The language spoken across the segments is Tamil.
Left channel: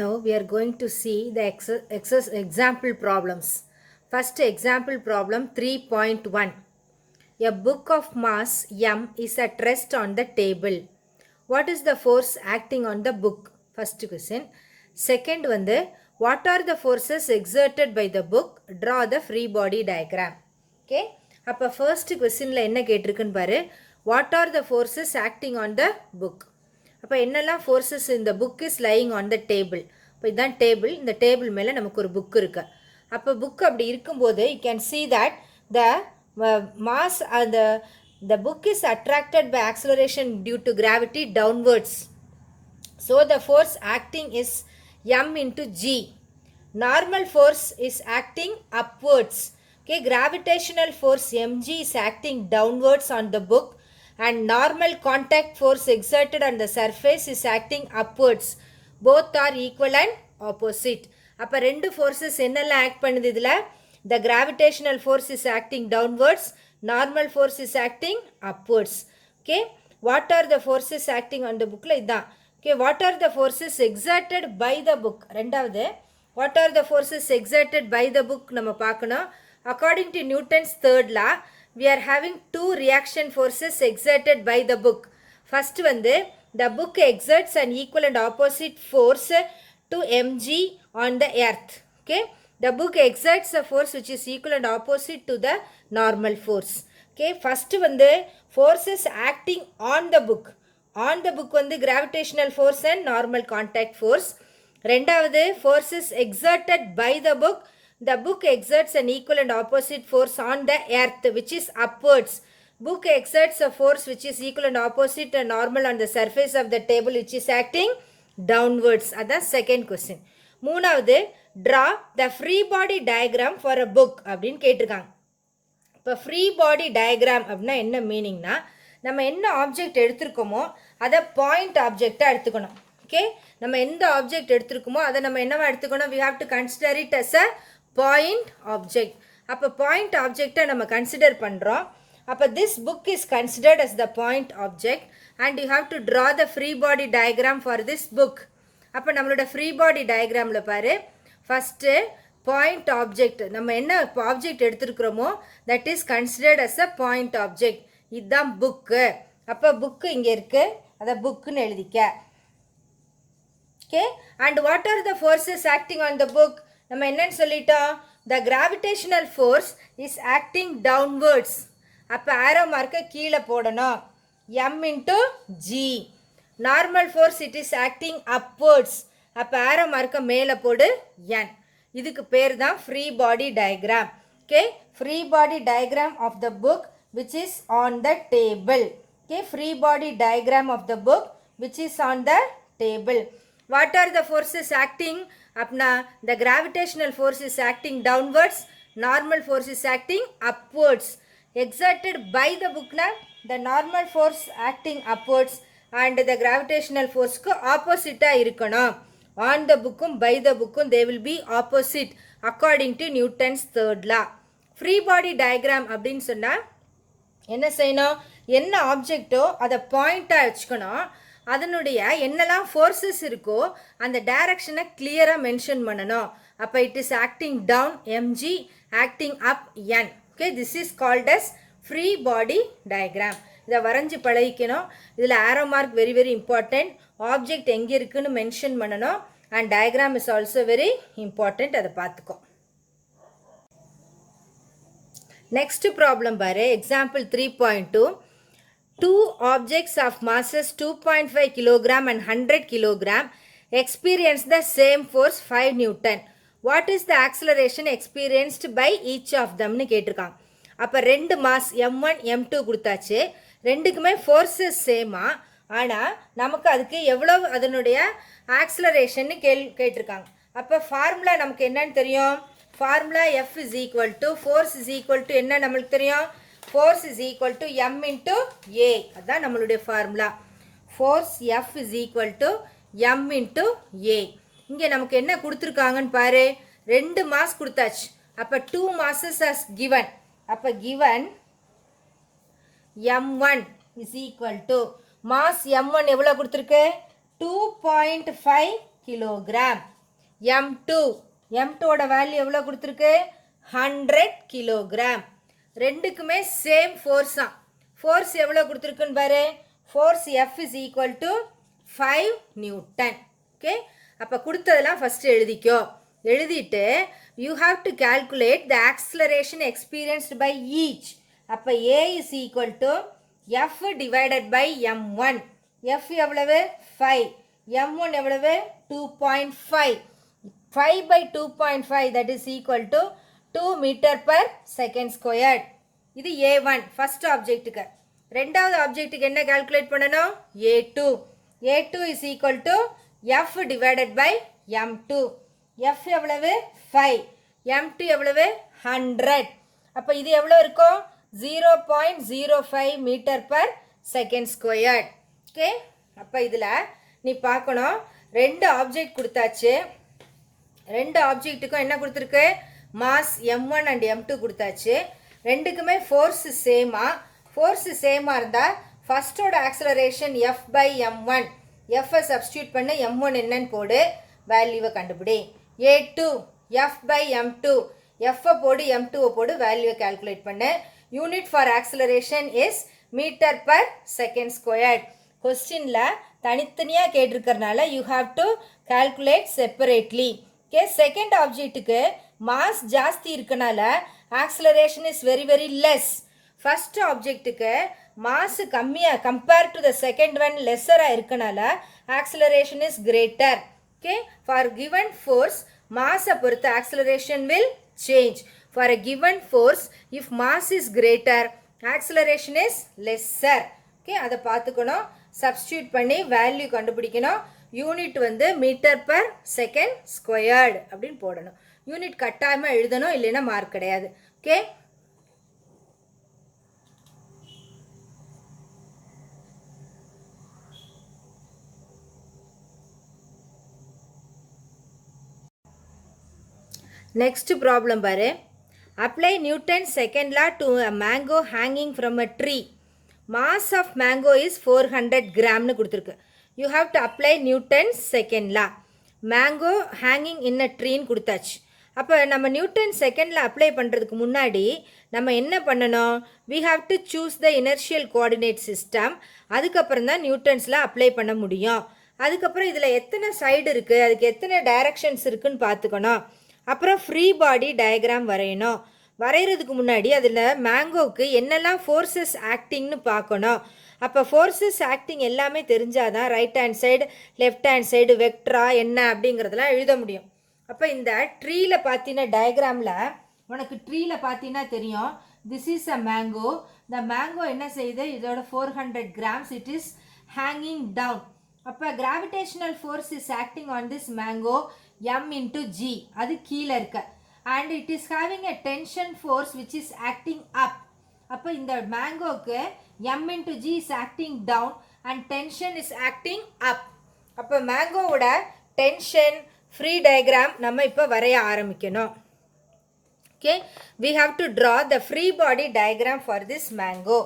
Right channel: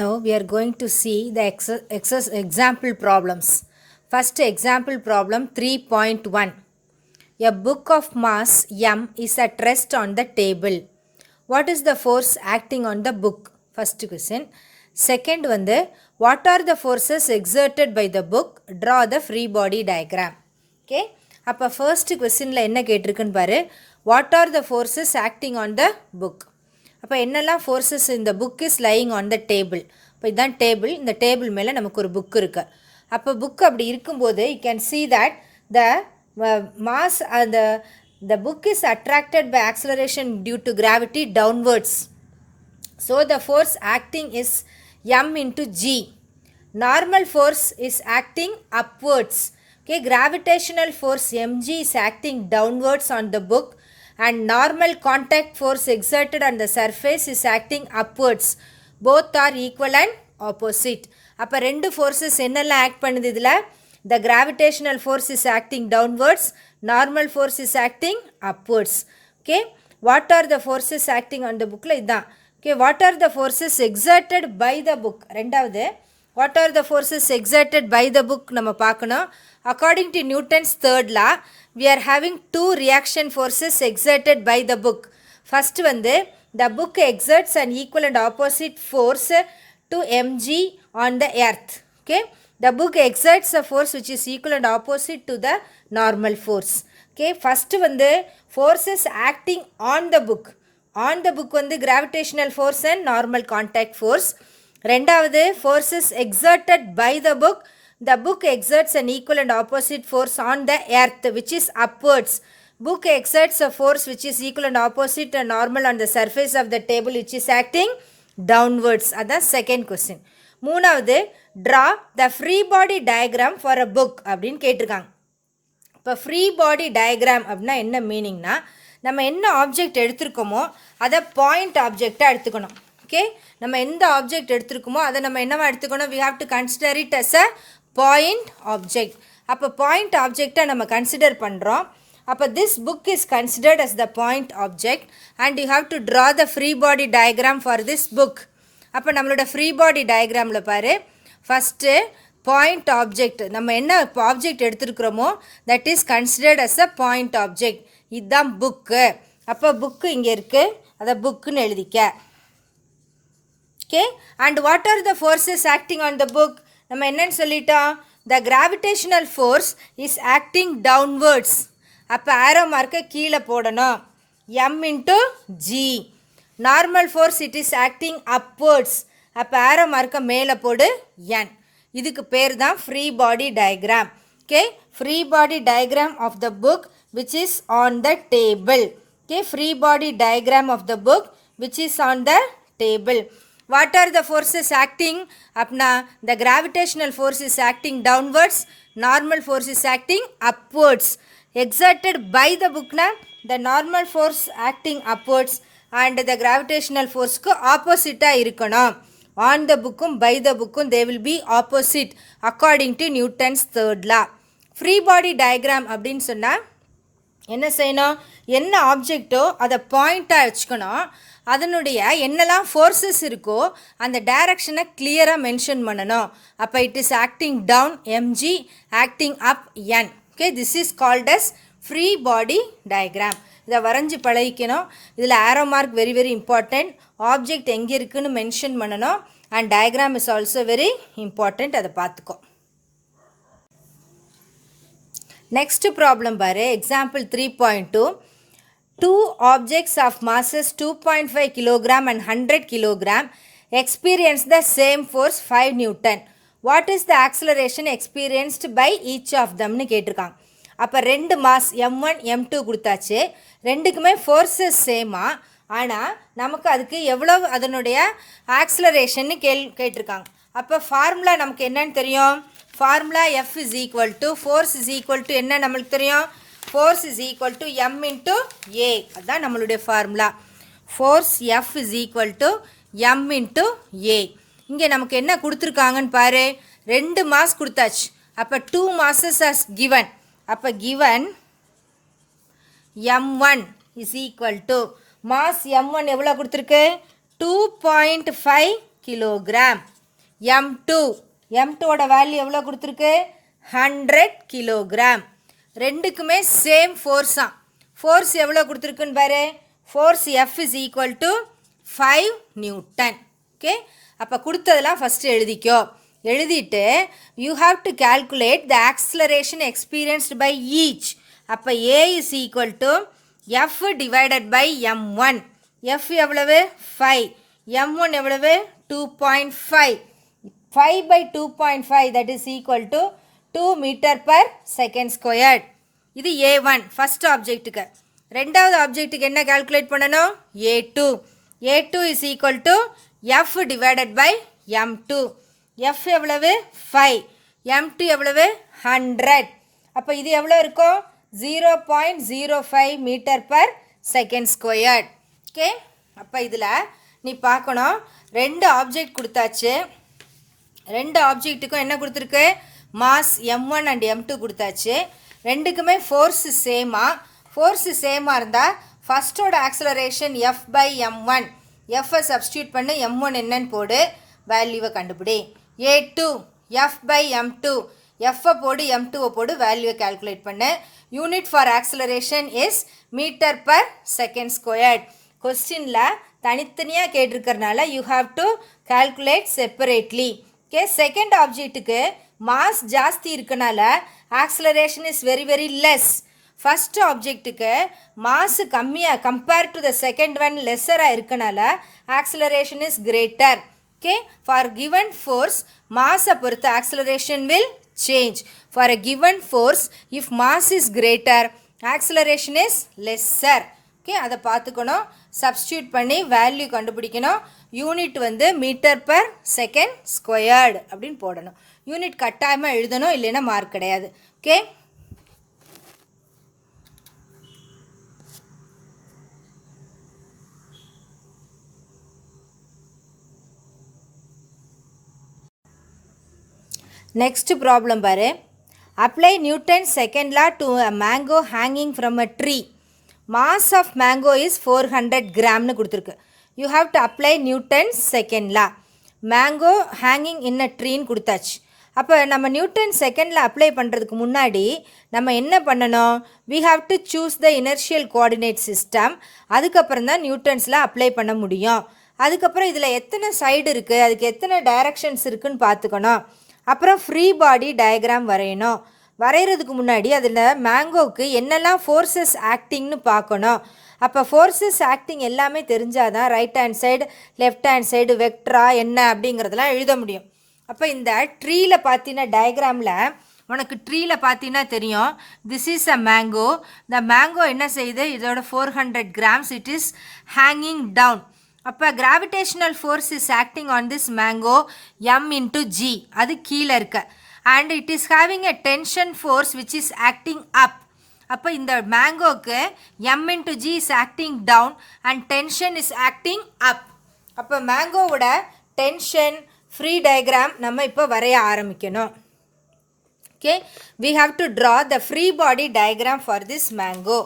Now we are going to see the example problems. First example problem 3.1. A book of mass m is at rest on the table. What is the force acting on the book? First question. Second வந்து what are the forces exerted by the book? Draw the free body diagram. Okay. அப்போ first questionல என்ன கேட்டிருக்குன்னு பாரு. What are the forces acting on the book? அப்போ என்னெல்லாம் ஃபோர்ஸஸ் இந்த book is lying on the table. இப்போ இதுதான் டேபிள். இந்த டேபிள் மேலே நமக்கு ஒரு புக் இருக்குது. அப்போ புக் அப்படி இருக்கும்போது you can see that the mass the book is attracted by acceleration due to gravity downwards. So the force acting is m into g. Normal force is acting upwards. Okay, gravitational force mg is acting downwards on the book. And normal contact force exerted on the surface is acting upwards. Both are equal and opposite. அப்போ ரெண்டு forces என்னெல்லாம் ஆக்ட் பண்ணுது இதில்? The gravitational force is acting downwards. Normal force is acting upwards. Okay. What are the forces acting on the bookல இதுதான். Okay. What are the forces exerted by the book? ரெண்டாவது what are the forces exerted by the book நம்ம பார்க்கணும். According to Newton's third law, we are having two reaction forces exerted by the book. First வந்து the book exerts an equal and opposite force to mg on the earth. Okay, the book exerts a force which is equal and opposite to the normal force. Okay, first வந்து forces acting on the book. On the book வந்து gravitational force and normal contact force. ரெண்டாவது forces exerted by the book. The book exerts an equal and opposite force on the earth which is upwards. Book exerts a force which is equal and opposite and normal on the surface of the table which is acting downwards. That's second question. மூணாவது draw the free body diagram for a book அப்படின்னு கேட்டிருக்காங்க. இப்போ ஃப்ரீ பாடி டயக்ராம் அப்படின்னா என்ன மீனிங்னா, நம்ம என்ன ஆப்ஜெக்ட் எடுத்திருக்கோமோ அதை பாயிண்ட் ஆப்ஜெக்டாக எடுத்துக்கணும். ஓகே, நம்ம எந்த ஆப்ஜெக்ட் எடுத்திருக்கோமோ அதை நம்ம என்னவா எடுத்துக்கணும்? we have to consider it as a point object. அப்போ பாயிண்ட் ஆப்ஜெக்டை நம்ம கன்சிடர் பண்ணுறோம். அப்போ this book is considered as the point object and you have to draw the free body diagram for this book. அப்போ நம்மளோட ஃப்ரீ பாடி டயக்ராமில் பாரு, ஃபஸ்ட்டு பாயிண்ட் ஆப்ஜெக்ட் நம்ம என்ன ஆப்ஜெக்ட் எடுத்துருக்குறோமோ that is considered as a point object. இதுதான் புக்கு. அப்போ புக்கு இங்கே இருக்குது, அதை புக்குன்னு எழுதிக்க. Okay, and what are the forces acting on the book? நம்ம என்னன்னு சொல்லிட்டோம்? The gravitational force is acting downwards. அப்போ ஆரோ மார்க்கை கீழே போடணும். M into g. Normal force it is acting upwards. அப்போ ஆரோ மார்க்கை மேலே போடு என். இதுக்கு பேர் தான் free body diagram. Okay, free body diagram of the book which is on the table. Okay, free body diagram of the book which is on the table. What are the forces acting? Apna the gravitational force is acting downwards, normal force is acting upwards. Exerted by the book na the normal force acting upwards and the gravitational force ku opposite ah irukanum. On the book by the book they will be opposite according to Newton's third law. Free body diagram அப்படினு சொன்னா என்ன செய்யணும்? என்ன ஆப்ஜெக்ட்டோ அதை பாயிண்டாக வச்சுக்கணும். அதனுடைய என்னெல்லாம் ஃபோர்ஸஸ் இருக்கோ அந்த டைரக்ஷனை கிளியராக மென்ஷன் பண்ணணும். அப்போ it is acting down MG, acting up N. Okay, this is called as free body diagram. இதை வரைஞ்சி பழகிக்கணும். இதில் arrow mark very very important. Object எங்கே இருக்குதுன்னு மென்ஷன் பண்ணணும். And diagram is also very important. அதை பார்த்துக்கோ. நெக்ஸ்ட் ப்ராப்ளம் பாரு, example 3.2. Two objects of masses 2.5 kg and 100 kg experience the same force 5 Newton. What is the acceleration experienced by each of them னு கேட்டிருக்காங்க. அப்போ ரெண்டு மாஸ் m1 m2 கொடுத்தாச்சு. ரெண்டுக்குமே ஃபோர்ஸஸ் சேமா, ஆனால் நமக்கு அதுக்கு எவ்வளோ அதனுடைய ஆக்சலரேஷன்னு கேட்டிருக்காங்க. அப்போ ஃபார்முலா நமக்கு என்னன்னு தெரியும்? Formula F is equal to force is equal to என்ன நம்மளுக்கு தெரியும்? force is equal to m into a. அதுதான் நம்மளுடைய formula. force F is equal to m into a. இங்கே நமக்கு என்ன கொடுத்துருக்காங்கன்னு பாரு, ரெண்டு மாஸ் கொடுத்தாச்சு. அப்போ 2 masses as given. அப்போ given m1 is equal to mass m1 எவ்வளோ கொடுத்துருக்கு? 2.5 kilogram. M2 M2ஓட வேல்யூ எவ்வளோ கொடுத்துருக்கு 100 கிலோகிராம். ரெண்டுக்குமே சேம் ஃபோர்ஸாம். ஃபோர்ஸ் எவ்வளோ கொடுத்துருக்குன்னு பாரு. Force F is equal to 5 Newton. Okay, அப்போ கொடுத்ததெல்லாம் ஃபஸ்ட்டு எழுதிக்கோ. எழுதிட்டு you have to calculate the acceleration experienced by each. அப்போ A is equal to F divided by M1. F எவ்வளவு 5, M1 எவ்வளவு 2.5. 5 by 2.5 that is equal to 2 meter per second squared. இது A1 ஃபர்ஸ்ட் ஆப்ஜெக்ட்டுக்கு. ரெண்டாவது ஆப்ஜெக்ட்டுக்கு என்ன கால்குலேட் பண்ணணும்? A2. A2 is equal to F divided by M2. F எவ்வளவு 5, M2 எவ்வளவு 100. அப்போ இது எவ்வளோ இருக்கும்? 0.05 metre per second squared. Okay, அப்போ இதில் நீ பார்க்கணும், ரெண்டு ஆப்ஜெக்ட் கொடுத்தாச்சு. ரெண்டு ஆப்ஜெக்ட்டுக்கும் என்ன கொடுத்துருக்கு? மாஸ் M1 அண்ட் M2 கொடுத்தாச்சு. ரெண்டுக்குமே ஃபோர்ஸு சேமாக. ஃபோர்ஸு சேமாக இருந்தால் ஃபஸ்ட்டோட ஆக்சலரேஷன் F by M1. Fஐ சப்ஸ்டியூட் பண்ணி M1 என்னன்னு போடு, வேல்யூவை கண்டுபிடி. A2 F by M2. Fஐ போடு, M2ஐ போடு, வேல்யூவை கால்குலேட் பண்ணு. Unit for acceleration is metre per second squared. கொஸ்டினில் தனித்தனியாக கேட்டிருக்கிறனால you have to calculate separately. Okay, second ஆப்ஜெக்ட்டுக்கு மாஸ் ஜாஸ்தி இருக்கனால acceleration is very very less. First ஆப்ஜெக்ட்டுக்கு மாஸ் கம்மியாக compare to the second one லெஸ்ஸராக இருக்கனால acceleration is greater. Okay, for given force மாஸை பொறுத்து acceleration will change. For a given force if mass is greater acceleration is lesser. Okay, அதை பார்த்துக்கணும். சப்ஸ்டியூட் பண்ணி வேல்யூ கண்டுபிடிக்கணும். யூனிட் வந்து மீட்டர் பர் செகண்ட் ஸ்கொயர்டு அப்படின்னு போடணும். யூனிட் கட்டாயமாக எழுதணும், இல்லைன்னா மார்க் கிடையாது. ஓகே, நெக்ஸ்ட் ப்ராப்ளம் பாரு. Apply Newton second law to a mango hanging from a tree. Mass of mango is 400 கிராம்னு கொடுத்துருக்கு. You have to apply Newton second law. Mango hanging in a ட்ரீன்னு கொடுத்தாச்சு. அப்போ நம்ம நியூட்டன் செகண்டில் அப்ளை பண்ணுறதுக்கு முன்னாடி நம்ம என்ன பண்ணணும்? We have to choose the inertial coordinate system. அதுக்கப்புறம் தான் நியூட்டன்ஸில் அப்ளை பண்ண முடியும். அதுக்கப்புறம் இதில் எத்தனை சைடு இருக்குது, அதுக்கு எத்தனை டைரக்ஷன்ஸ் இருக்குதுன்னு பார்த்துக்கணும். அப்புறம் ஃப்ரீ பாடி டயக்ராம் வரையணும். வரைகிறதுக்கு முன்னாடி அதில் மேங்கோவுக்கு என்னெல்லாம் ஃபோர்ஸஸ் ஆக்டிங்னு பார்க்கணும். அப்போ ஃபோர்ஸஸ் ஆக்டிங் எல்லாமே தெரிஞ்சால் தான் right hand side left hand side வெக்ட்ரா என்ன அப்படிங்கிறதெல்லாம் எழுத முடியும். அப்போ இந்த ட்ரீயில் பார்த்தீங்கன்னா டயக்ராமில் உனக்கு ட்ரீயில் பார்த்தீங்கன்னா தெரியும், திஸ் இஸ் அ மேங்கோ. இந்த மேங்கோ என்ன செய்யுது? இதோட 400 grams it is hanging down. அப்போ gravitational force is acting on this mango M into G. அது கீழே இருக்கு. And it is having a tension force which is acting up. அப்போ இந்த மேங்கோவுக்கு M into G is acting down and tension is acting up. அப்போ மேங்கோவோட டென்ஷன் ஃப்ரீ டயக்ராம் நம்ம இப்போ வரைய ஆரம்பிக்கணும். Okay, we have to draw the free body diagram for this mango.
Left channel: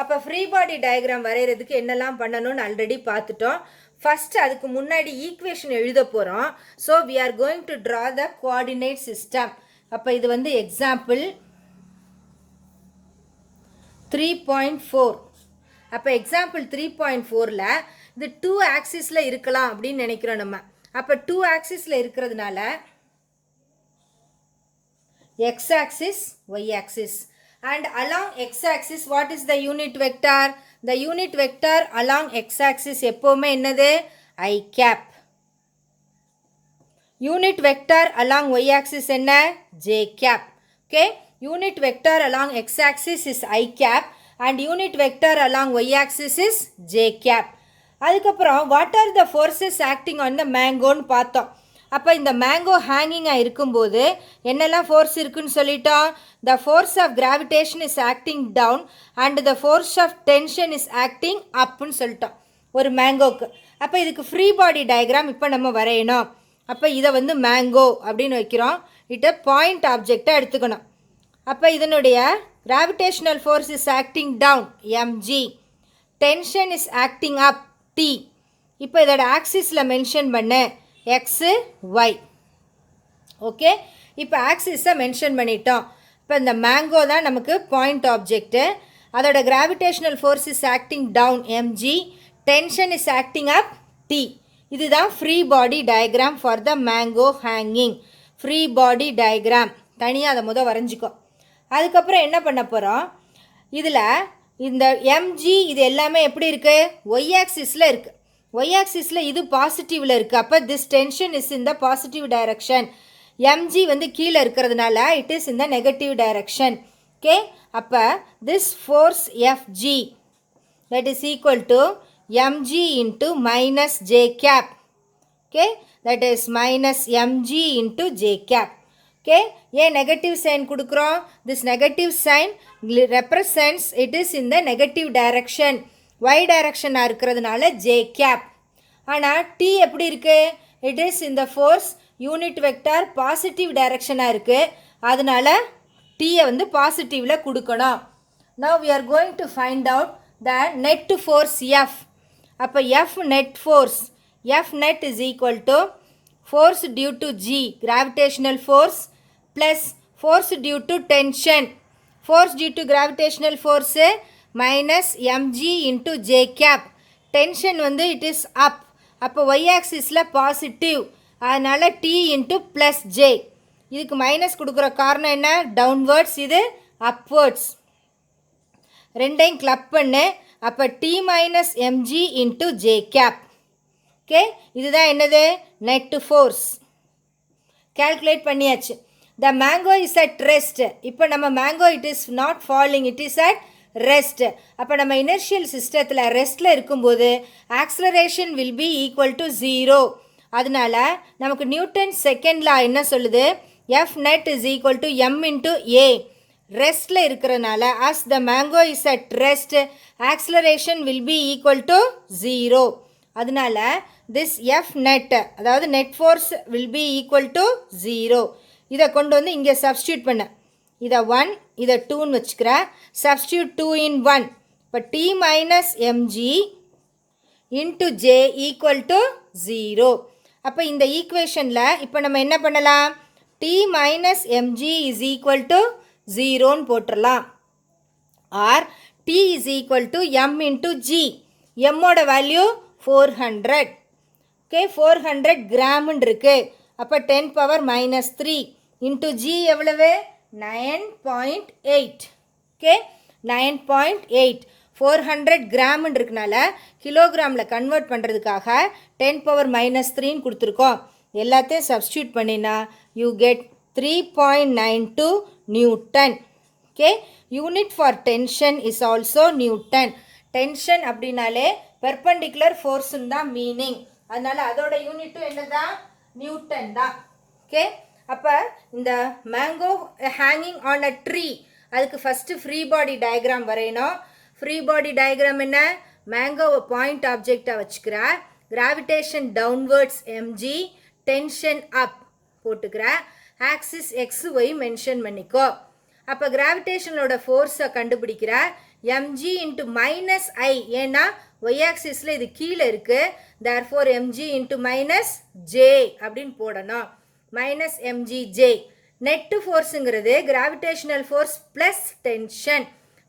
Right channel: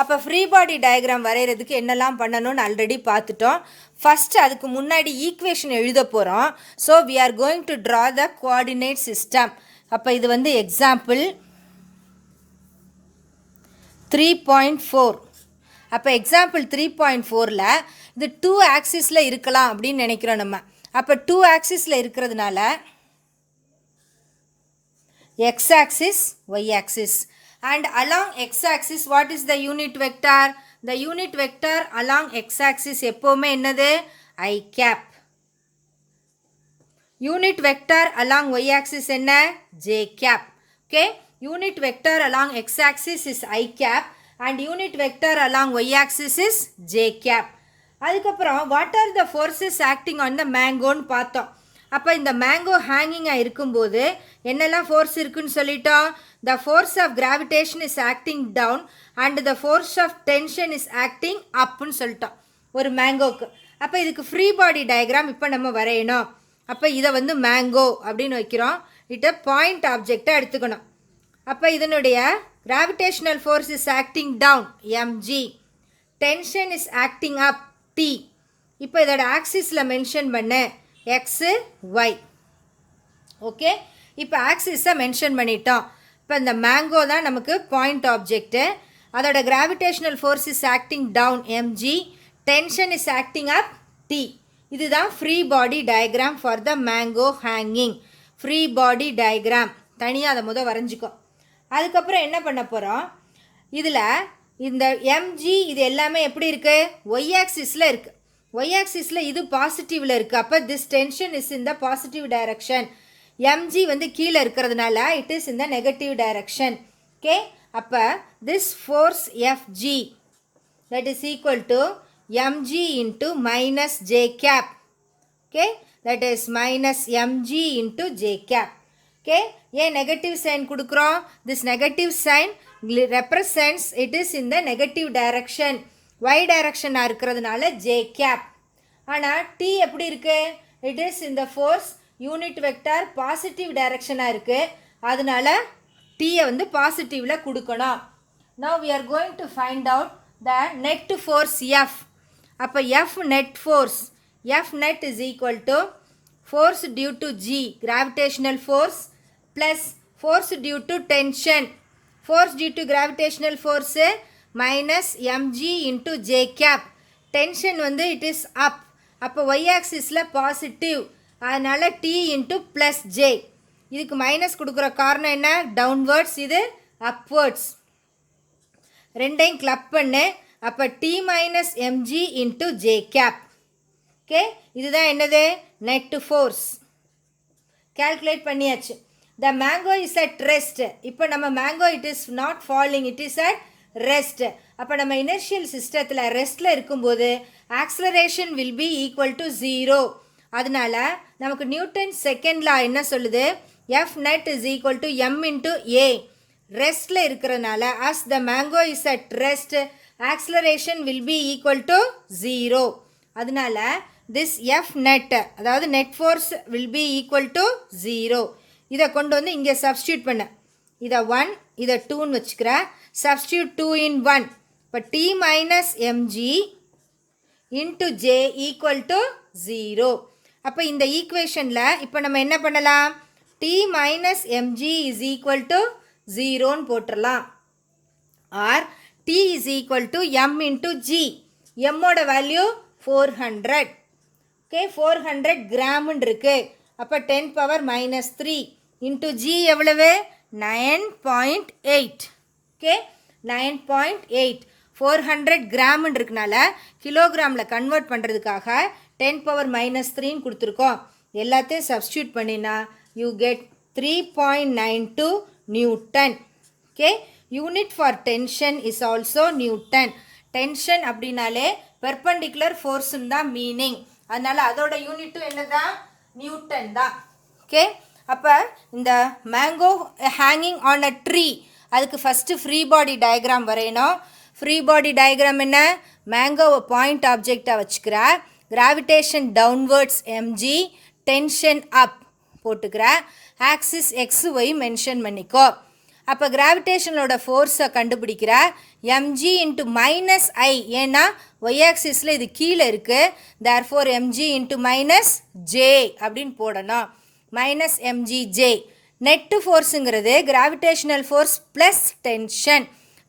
அப்போ ஃப்ரீ பாடி டயக்ராம் வரைகிறதுக்கு என்னெல்லாம் பண்ணணும்னு ஆல்ரெடி பார்த்துட்டோம். ஃபஸ்ட்டு அதுக்கு முன்னாடி ஈக்குவேஷன் எழுத போகிறோம். So we are going to draw the coordinate system. அப்போ இது வந்து எக்ஸாம்பிள் 3.4. அப்போ எக்ஸாம்பிள் 3.4ல் இது 2 ஆக்சிஸில் இருக்கலாம் அப்படின்னு நினைக்கிறோம் நம்ம. அப்போ 2 ஆக்சிஸில் இருக்கிறதுனால x axis y axis. And along x-axis what is the unit vector? The unit vector along x-axis எப்போவுமே என்னது? I cap. Unit vector along y-axis என்ன? J cap. Okay, unit vector along x-axis is I cap and unit vector along y-axis is J cap. அதுக்கப்புறம் what are the forces acting on the mangoன்னு பார்த்தோம். அப்போ இந்த மேங்கோ ஹேங்கிங்காக இருக்கும்போது என்னெல்லாம் ஃபோர்ஸ் இருக்குன்னு சொல்லிட்டோம். The force of gravitation is acting down and the force of tension is acting அப்புன்னு சொல்லிட்டோம் ஒரு மேங்கோவுக்கு. அப்போ இதுக்கு ஃப்ரீ பாடி டயக்ராம் இப்போ நம்ம வரையணும். அப்போ இதை வந்து மேங்கோ அப்படின்னு வைக்கிறோம். இதை பாயிண்ட் ஆப்ஜெக்டாக எடுத்துக்கணும். அப்போ இதனுடைய gravitational force is acting down mg, tension is acting up t. இப்போ இதோட ஆக்சிஸில் மென்ஷன் பண்ண x y. ஓகே, இப்போ ஆக்சிஸை மென்ஷன் பண்ணிட்டோம். இப்போ இந்த மேங்கோ தான் நமக்கு பாயிண்ட் ஆப்ஜெக்ட்டு. அதோட gravitational force is acting down mg, tension is acting up t. இதுதான் free body diagram for the mango hanging. Free body diagram தனியாக அதை வரைஞ்சிக்கோ. அதுக்கப்புறம் என்ன பண்ண போகிறோம், இதில் இந்த mg இது எல்லாமே எப்படி இருக்குது, ஒய் ஆக்சிஸில் இருக்குது. ஒய் ஆக்சிஸில் இது பாசிட்டிவில் இருக்குது. அப்போ this tension is in the positive direction. mg கீழே இருக்கிறதுனால it is in the negative direction. Okay, அப்போ this force fg that is equal to mg into minus j cap. Okay, that is minus mg into j cap. Okay, ஏன் நெகட்டிவ் சைன் கொடுக்குறோம், this negative sign represents it is in the negative direction. y direction இருக்கிறதுனால j cap. ஆனால் t எப்படி இருக்கு, it is in the force unit vector positive direction இருக்கு. அதனால t பாசிட்டிவில் கொடுக்கணும். Now we are going to find out the net force F. அப்போ F net force, F net is equal to force due to G, gravitational force, plus force due to tension. Force due to gravitational force minus mg into j cap. Tension it is up. அப்போ y axisல பாசிட்டிவ், அதனால் t into plus j. இதுக்கு மைனஸ் கொடுக்குற காரணம் என்ன, டவுன்வர்ட்ஸ், இது அப்வர்ட்ஸ். ரெண்டையும் கிளப் பண்ணு. அப்போ t minus mg into j cap. Okay, இதுதான் என்னது, நெட் ஃபோர்ஸ். கால்குலேட் பண்ணியாச்சு. The mango is at rest. இப்போ நம்ம mango it is not falling, it is at rest. அப்போ நம்ம இனர்ஷியல் சிஸ்டத்தில் ரெஸ்ட்டில் இருக்கும்போது acceleration will be equal to 0. அதனால நமக்கு நியூட்டன் செகண்ட் லா என்ன சொல்லுது, F net is equal to M into a. ரெஸ்ட்டில் இருக்கிறனால as the mango is at rest acceleration will be equal to 0. அதனால திஸ் எஃப் நெட், அதாவது net force will be equal to 0. இதை கொண்டு இங்கே சப்ஸ்டியூட் பண்ண, இதை 1 இதை 2ன்னு வச்சுக்கிறேன். Substitute 2 in 1. இப்போ t minus MG into j equal to 0. அப்போ இந்த ஈக்குவேஷனில் இப்போ நம்ம என்ன பண்ணலாம், t minus mg is equal to 0ன்னு போட்டுடலாம். Or t is equal to M into g. எம்மோட வேல்யூ 400. ஓகே, 400 கிராம்னு இருக்குது. அப்போ 10 பவர் மைனஸ் 3 இன்ட்டு ஜி எவ்வளவு, 9.8. ஓகே, 9.8. 400 கிராம்னு இருக்கனால கிலோகிராமில் கன்வெர்ட் பண்ணுறதுக்காக 10 பவர் மைனஸ் 3ன்னு கொடுத்துருக்கோம். எல்லாத்தையும் சப்ஸ்டியூட் பண்ணினா you get 3.92 Newton. Okay, unit for tension is also Newton. Tension அப்படின்னாலே பெர்பெண்டிகுலர் ஃபோர்ஸுன்னு தான் மீனிங். அதனால் அதோட யூனிட்டும் என்ன தான், நியூட்டன் தான். ஓகே, அப்போ இந்த mango hanging on a tree, அதுக்கு ஃபஸ்ட்டு ஃப்ரீ பாடி டயக்ராம் வரையணும். ஃப்ரீ பாடி டயக்ராம் என்ன, மேங்கோவை பாயிண்ட் ஆப்ஜெக்டாக வச்சுக்கிற, கிராவிடேஷன் டவுன்வர்ட்ஸ் எம்ஜி, டென்ஷன் அப் போட்டுக்கிற, ஆக்சிஸ் எக்ஸ் ஒய் மென்ஷன் பண்ணிக்கோ. அப்போ கிராவிடேஷனோட ஃபோர்ஸை கண்டுபிடிக்கிற, எம்ஜி இன்ட்டு மைனஸ் ஐ, ஏன்னா ஒய் ஆக்சிஸில் இது கீழே இருக்குது, therefore mg into minus j அப்படின்னு போடணும். Minus mg j. நெட்டு ஃபோர்ஸுங்கிறது gravitational force plus tension.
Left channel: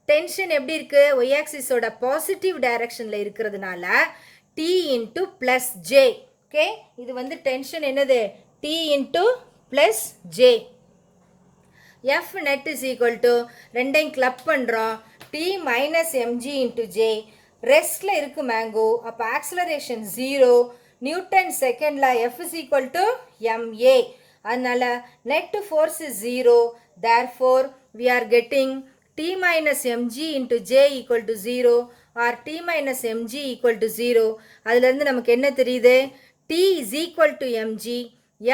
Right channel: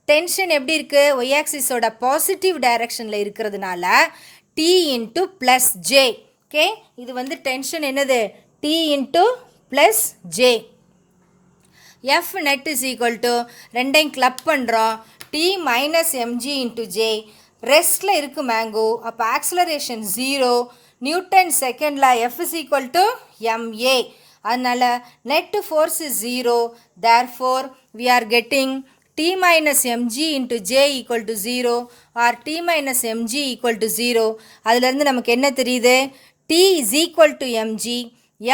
Tension எப்படி இருக்குது, ஒய் ஆக்சிஸோட பாசிட்டிவ் டைரக்ஷனில் இருக்கிறதுனால t into plus j. Okay, இது டென்ஷன் என்னது, t into plus j. F net is equal to ரெண்டையும் கிளப் பண்ணுறோம், t minus MG into j. ரெஸ்ட்டில் இருக்குது மேங்கோ, அப்போ ஆக்ஸலரேஷன் 0. நியூட்டன் செகண்டில் F is equal to ma. அதனால் net force is 0. Therefore we are getting t minus MG into j equal to 0 or t minus mg equal to 0. அதுலேருந்து நமக்கு என்ன தெரியுது, t is equal to mg.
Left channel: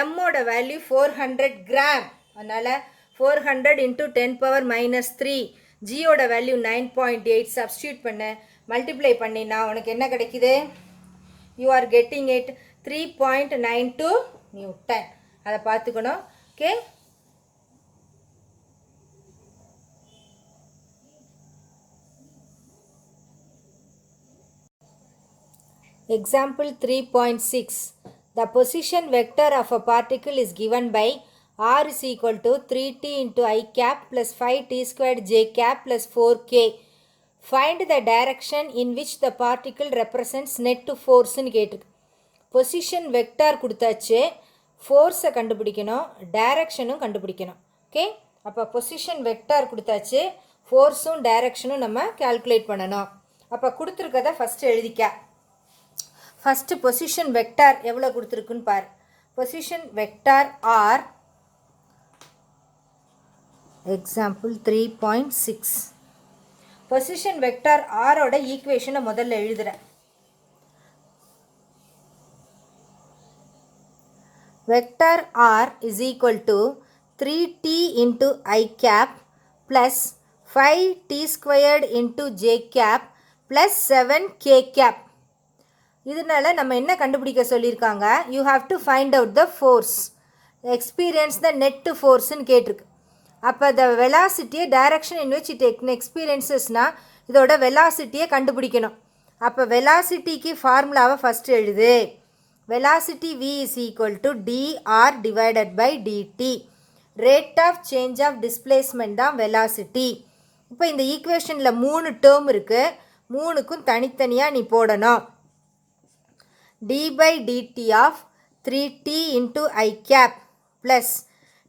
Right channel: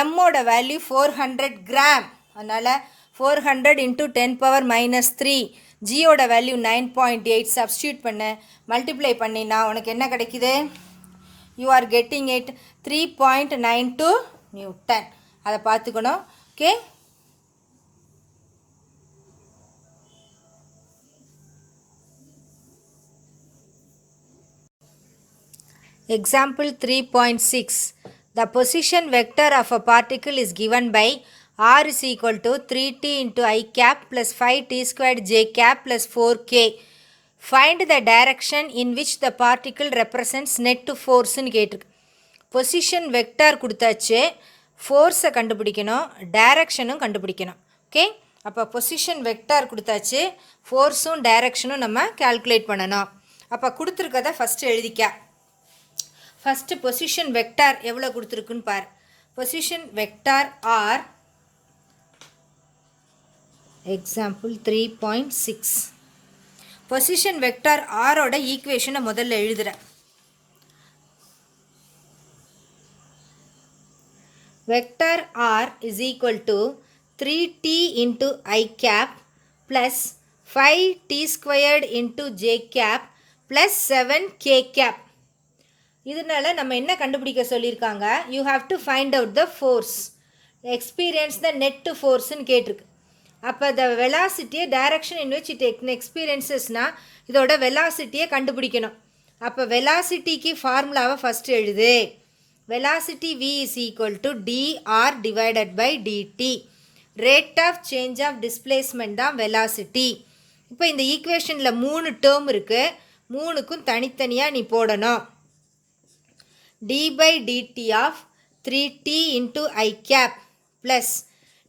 எம்மோட வேல்யூ 400 கிராம். அதனால் 400 இன்ட்டு 10 பவர் மைனஸ் 3. ஜியோட வேல்யூ 9.8. சப்ஸ்டியூட் பண்ண, மல்டிப்ளை பண்ணினா உனக்கு என்ன கிடைக்குது, you are getting it 3.92 newton. அதை பார்த்துக்கணும். Okay, example 3.6. The position vector of a particle is given by r is equal to 3t into I cap plus 5t squared j cap plus 4k. Find the direction in which the particle represents net force ன்னு கேட்டிருக்கு. பொசிஷன் வெக்டார் கொடுத்தாச்சு, ஃபோர்ஸை கண்டுபிடிக்கணும், டைரக்ஷனும் கண்டுபிடிக்கணும். ஓகே, அப்போ பொசிஷன் வெக்டார் கொடுத்தாச்சு, ஃபோர்ஸும் டைரக்ஷனும் நம்ம கால்குலேட் பண்ணணும். அப்போ கொடுத்துருக்கதை ஃபஸ்ட்டு எழுதிக்க. ஃபஸ்ட்டு பொசிஷன் வெக்டார் எவ்வளோ கொடுத்துருக்குன்னு பார். Position vector r example 3.6. Position vector ஆரோட ஈக்குவேஷனை முதல்ல எழுதுகிறேன். Vector r is equal to 3t into I cap plus 5t squared into j cap plus 7k cap. இதனால நம்ம என்ன கண்டுபிடிக்க சொல்லியிருக்காங்க, you have to find out the force, experience the net force ன்னு கேட்டிருக்கு. அப்போ the velocity direction in which it experiences-னா இதோட velocity-யை கண்டுபிடிக்கணும். அப்போ velocity-க்கு ஃபார்முலாவை ஃபஸ்ட்டு எழுது. Velocity v is equal to dr divided by dt. Rate of change of displacement தான் velocity. இப்போ இந்த ஈக்குவேஷனில் 3 டேர்ம் இருக்குது, 3க்கும் தனித்தனியாக நீ போடணும். d by dt of 3t into I cap plus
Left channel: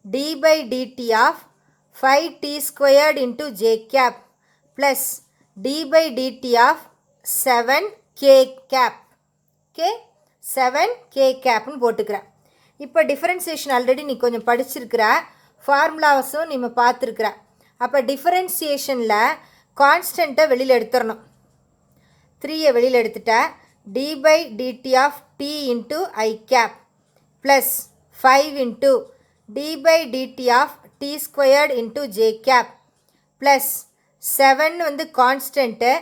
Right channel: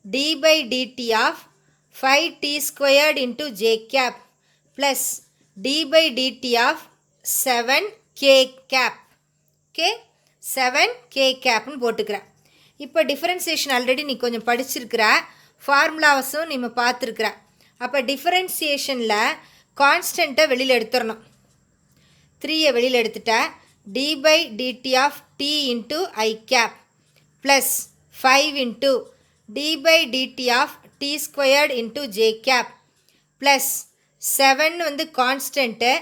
d by dt of 5t squared into j cap plus d by dt of 7k cap. Okay, 7k கேப்னு போட்டுக்கிறேன். இப்போ டிஃபரன்சியேஷன் ஆல்ரெடி நீ கொஞ்சம் படிச்சிருக்கிற, ஃபார்முலாஸும் நீ பார்த்துருக்குற. அப்போ டிஃபரன்சியேஷனில் கான்ஸ்டண்ட்டை வெளியில் எடுத்துடணும். 3யை வெளியில் எடுத்துட்ட, d by dt of t into I cap plus 5 into d by dt of t squared into j cap plus 7 வந்து constant.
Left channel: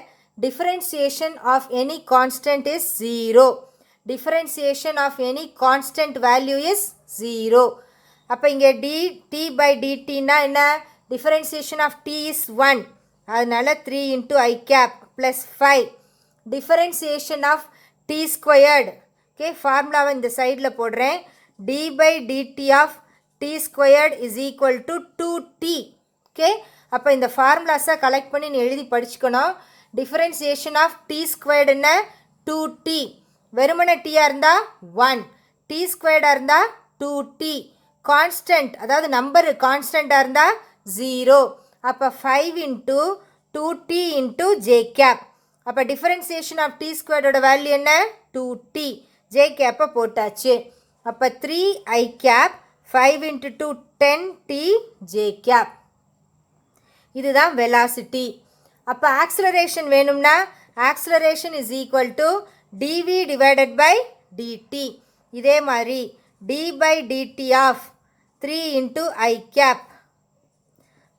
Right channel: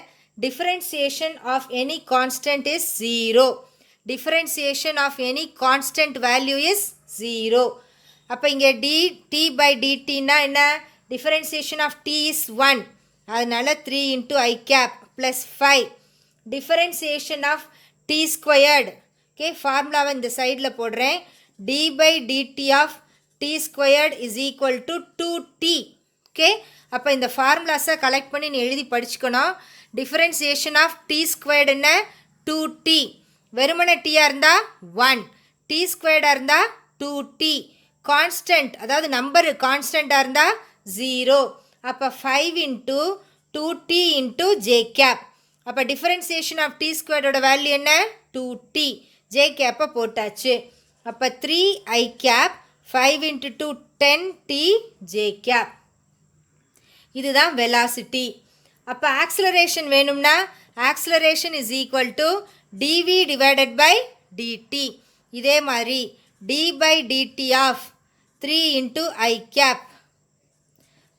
differentiation of any constant is 0. differentiation of any constant value is 0. அப்போ இங்கே dt by dt னா என்ன, differentiation of t is 1, அதனால 3 into I cap plus 5. differentiation of t squared, okay, ஃபார்முலாவை இந்த சைடில் போடுறேன். d by dt of t squared is equal to 2t. okay, அப்போ இந்த ஃபார்முலாஸை கலெக்ட் பண்ணி நீ எழுதி படிச்சுக்கணும். differentiation of t squared என்ன, 2t. வெறுமன டீயாக இருந்தால் 1, டி ஸ்கொயர்டாக இருந்தால் 2t. கான்ஸ்டன்ட், அதாவது நம்பரு கான்ஸ்டண்ட்டாக இருந்தால் 0. அப்போ 5 into 2t into j cap. அப்போ டிஃபரன்சியேஷன் ஆஃப் டி ஸ்கொயர்டோட வேல்யூ என்ன, 2t. ஜே கேப்பை போட்டாச்சு. அப்போ 3i cap 5 into 2 10t j cap. இதுதான் வெலாசிட்டி. அப்போ ஆக்ஸலரேஷன் வேணும்னா acceleration is equal to dv divided by dt. இதே மாதிரி d by dt of 3 into I cap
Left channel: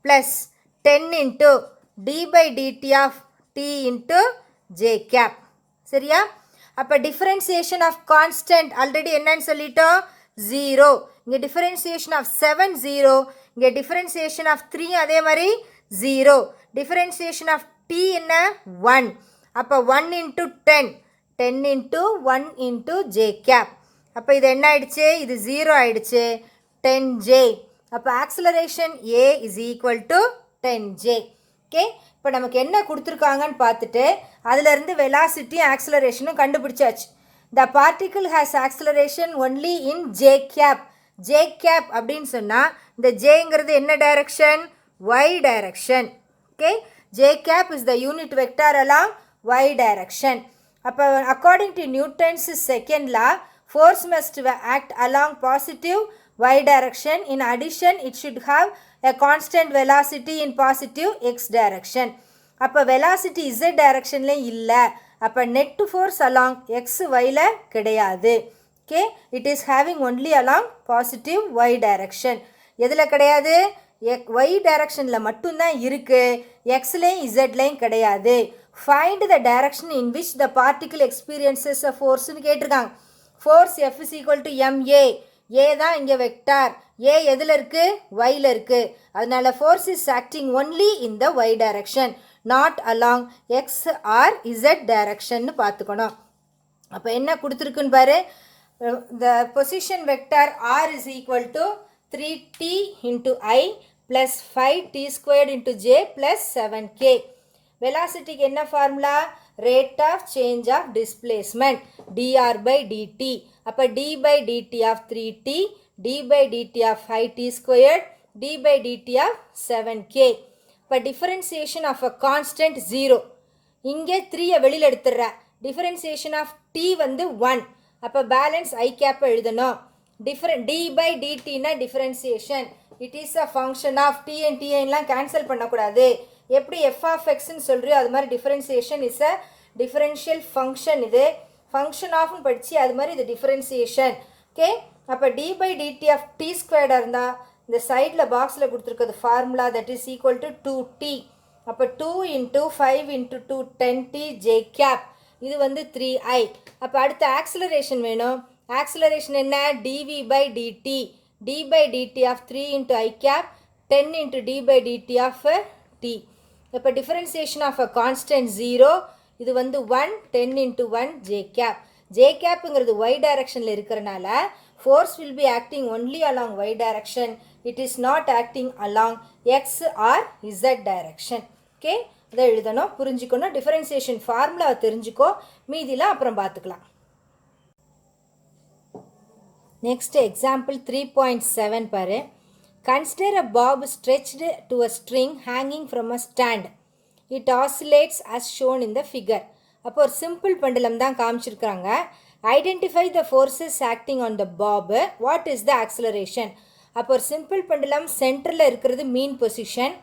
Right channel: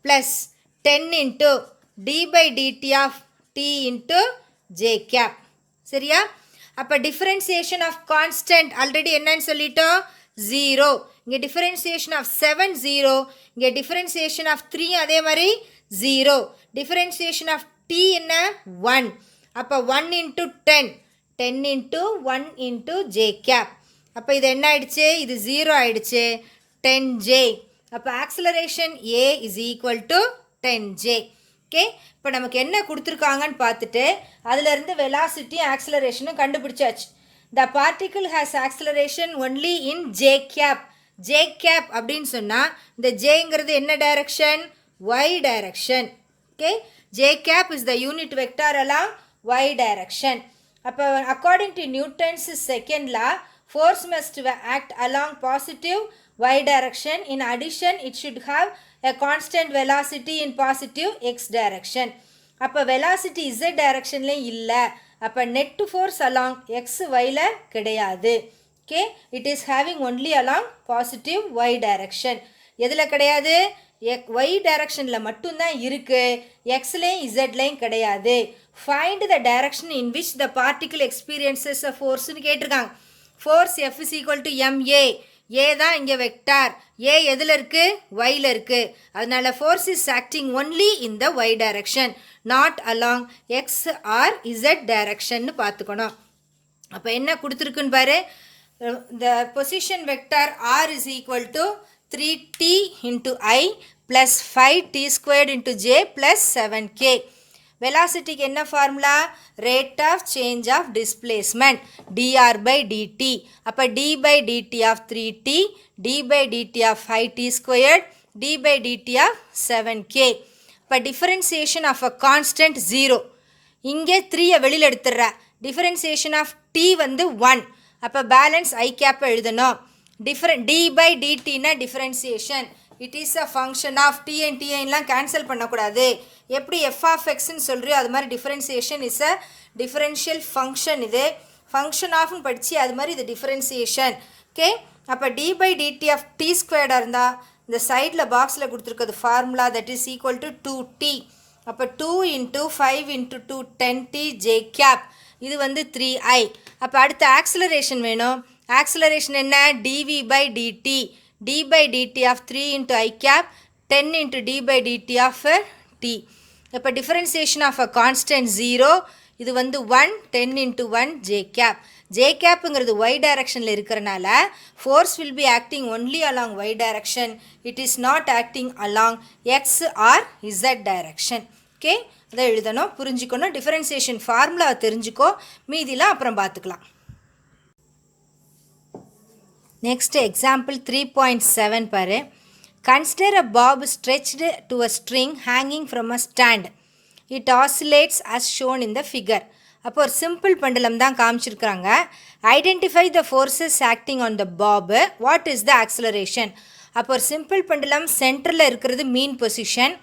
plus 10 into d by dt of t into j cap. சரியா? அப்போ differentiation of constant ஆல்ரெடி என்னன்னு சொல்லிட்டோம், 0. இங்கே differentiation of 7 0, இங்கே differentiation of 3 அதே மாதிரி 0. differentiation of t என்ன, 1. அப்போ 1 into 10, 10 into 1 into j cap. அப்போ இது என்ன ஆயிடுச்சு, இது 0 ஆயிடுச்சு, 10j. அப்போ acceleration a is equal to 10j. Okay, இப்போ நமக்கு என்ன கொடுத்துருக்காங்கன்னு பார்த்துட்டு அதிலிருந்து வெலாசிட்டி ஆக்ஸலரேஷனும் கண்டுபிடிச்சாச்சு. The particle has acceleration only in j cap. j cap அப்படின்னு சொன்னால் இந்த ஜேங்கிறது என்ன டைரக்ஷன், y டைரக்ஷன். Okay, j cap is the unit vector along y direction. அப்போ according to Newton's second law, force must act along positive y direction. in addition it should have a constant velocity in positive x direction. அப்போ velocity z directionலேயும் இல்லை, அப்போ net force along x yல கிடையாது. Okay, it is having only along positive y direction. எதில் கிடையாது, y directionல மட்டும்தான் இருக்குது, xலேயும் zலேயும் கிடையாது. Find the direction in which the particle experiences a force ன்னு கேட்டிருக்காங்க. force F is equal to ma. a தான் இங்கே வெக்டார், a எதில் இருக்குது, yல இருக்குது. அதனால force is acting only in the y direction, not along x or z direction பார்த்துக்கணும். அப்போ என்ன கொடுத்துருக்குன்னு பாரு, the position vector r is equal to 3t into I plus 5t squared into j plus 7k. Velocity க்கு என்ன formula? Rate of change of displacement dr by dt. அப்ப d by dt of 3t, d by dt of 5t squared, d by dt of 7k. அப்ப differentiation of a constant 0. இங்கே 3 வெளியில் எடுத்துடுற. Differentiation of t வந்து 1. அப்ப balance I cap எழுதணும். d by dt na differentiation. It is a function of t and t எல்லாம் cancel பண்ணக்கூடாது. எப்படி f of x ன்னு சொல்றியோ அது மாதிரி differentiation is a differential function. இது function of ன்னு படிச்சு அது மாதிரி இது differentiation. Okay. அப்ப d by dt of t squared இருந்தா இந்த சைடில் பாக்ஸில் கொடுத்துருக்கிறது formula that is equal to 2t. அப்போ 2 into 5 into 2 10t j cap. இது வந்து 3i. அப்போ அடுத்த ஆக்சிலரேஷன் வேணும். ஆக்சிலரேஷன் என்ன? dv by dt. d by dt of 3 into i cap 10 into d by dt of t. இப்போ differentiation of a constant 0. இது வந்து 1 10 into 1 j cap. j capங்கிறது y directionல இருக்கிறனால force will be acting only along y direction. It is not acting along x or z direction. Okay. இதை எழுதணும், புரிஞ்சுக்கணும். differentiation formula தெரிஞ்சுக்கோ, மீதிலாம் அப்புறம் பார்த்துக்கலாம். Next example 3.7 பாரு. Consider a bob stretched to a string hanging from a stand. It oscillates as shown in the figure. அப்போ ஒரு சிம்பிள் பெண்டுலம் தான் காமிச்சிருக்காங்க. Identify the forces acting on the bob. What is the acceleration? அப்போ ஒரு சிம்பிள் பெண்டுலம் சென்டரில் இருக்கிறது மீன் பொசிஷன்.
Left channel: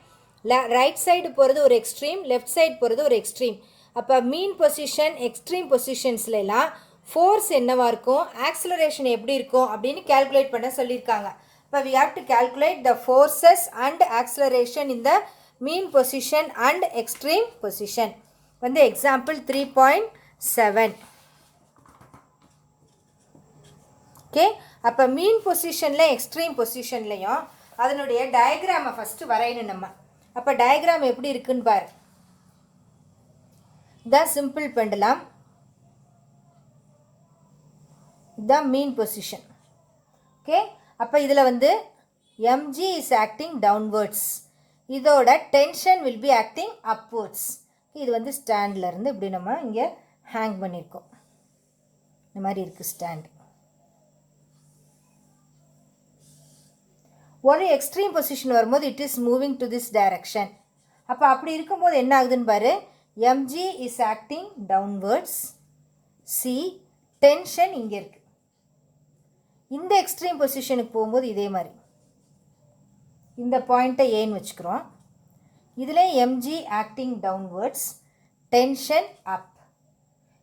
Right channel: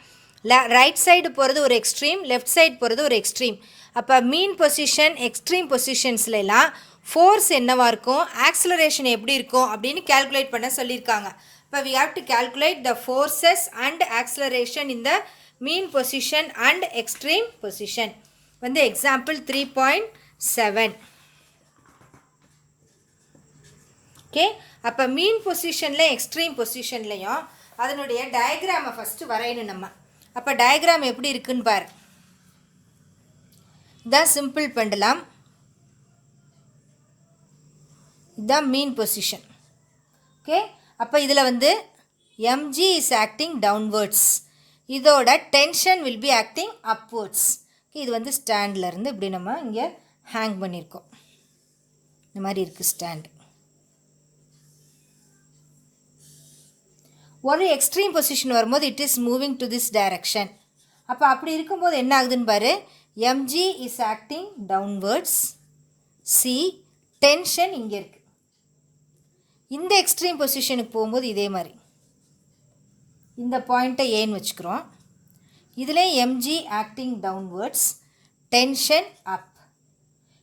ரைட் சைடு போகிறது ஒரு எக்ஸ்ட்ரீம், லெஃப்ட் சைடு போகிறது ஒரு எக்ஸ்ட்ரீம். அப்போ மீன் பொசிஷன் எக்ஸ்ட்ரீம் பொசிஷன்ஸ்லாம் ஃபோர்ஸ் என்னவாக இருக்கும், ஆக்சிலரேஷன் எப்படி இருக்கும் அப்படின்னு கேல்குலேட் பண்ண சொல்லியிருக்காங்க. இப்போ we have to calculate the forces and acceleration in the mean position and extreme position. வந்து எக்ஸாம்பிள் 3.7. ஓகே. அப்போ மீன் பொசிஷனில் எக்ஸ்ட்ரீம் பொசிஷன்லையும் அதனுடைய டயக்ராமை ஃபஸ்ட்டு வரையணும் நம்ம. அப்போ டயக்ராம் எப்படி இருக்குன்னு பாரு. இதுதான் சிம்பிள் பெண்டுலம், இதுதான் மீன் பொசிஷன். ஓகே. அப்போ இதில் வந்து mg is acting downwards. இதோட tension will be acting upwards. இது வந்து ஸ்டாண்டில் இருந்து இப்படி நம்ம இங்கே ஹேங் பண்ணியிருக்கோம். இந்த மாதிரி இருக்குது ஸ்டாண்ட். ஒரு எக்ஸ்ட்ரீம் பொசிஷன் வரும்போது it is moving to this direction. அப்போ அப்படி இருக்கும்போது என்ன ஆகுதுன்னு பாரு. mg is acting downwards. C tension இங்கே இருக்குது. இந்த எக்ஸ்ட்ரீம் பொசிஷனுக்கு போகும்போது இதே மாதிரி இந்த பாயிண்ட்டை ஏன்னு வச்சுக்கிறோம். இதில் mg ஆக்டிங் டவுன்வர்ட்ஸ், டென்ஷன் அப்.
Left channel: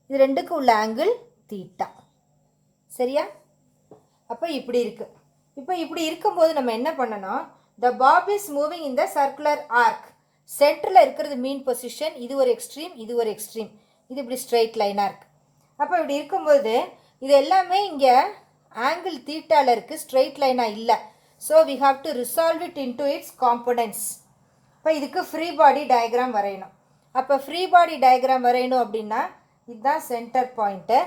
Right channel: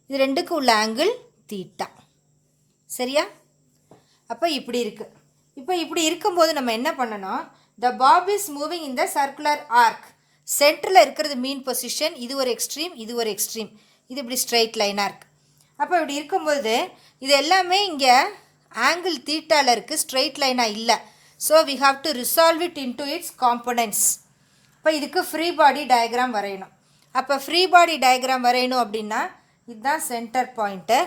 இது ரெண்டுக்கும் உள்ள ஆங்கிள் தீட்டா. சரியா? அப்போ இப்படி இருக்குது. இப்போ இப்படி இருக்கும்போது நம்ம என்ன பண்ணணும், the bob is moving in the circular arc. சென்டரில் இருக்கிறது மீன் பொசிஷன், இது ஒரு எக்ஸ்ட்ரீம், இது ஒரு எக்ஸ்ட்ரீம், இது இப்படி ஸ்ட்ரெயிட் லைனாக இருக்குது. அப்போ இப்படி இருக்கும்போது இது எல்லாமே இங்கே ஆங்கிள் தீட்டாவில் இருக்குது, ஸ்ட்ரெயிட் லைனாக இல்லை. So we have to resolve it into its components. இப்போ இதுக்கு ஃப்ரீ பாடி டயக்ராம் வரையணும். அப்போ ஃப்ரீ பாடி டயக்ராம் வரையணும் அப்படின்னா இதுதான் சென்டர் பாயிண்ட்டு.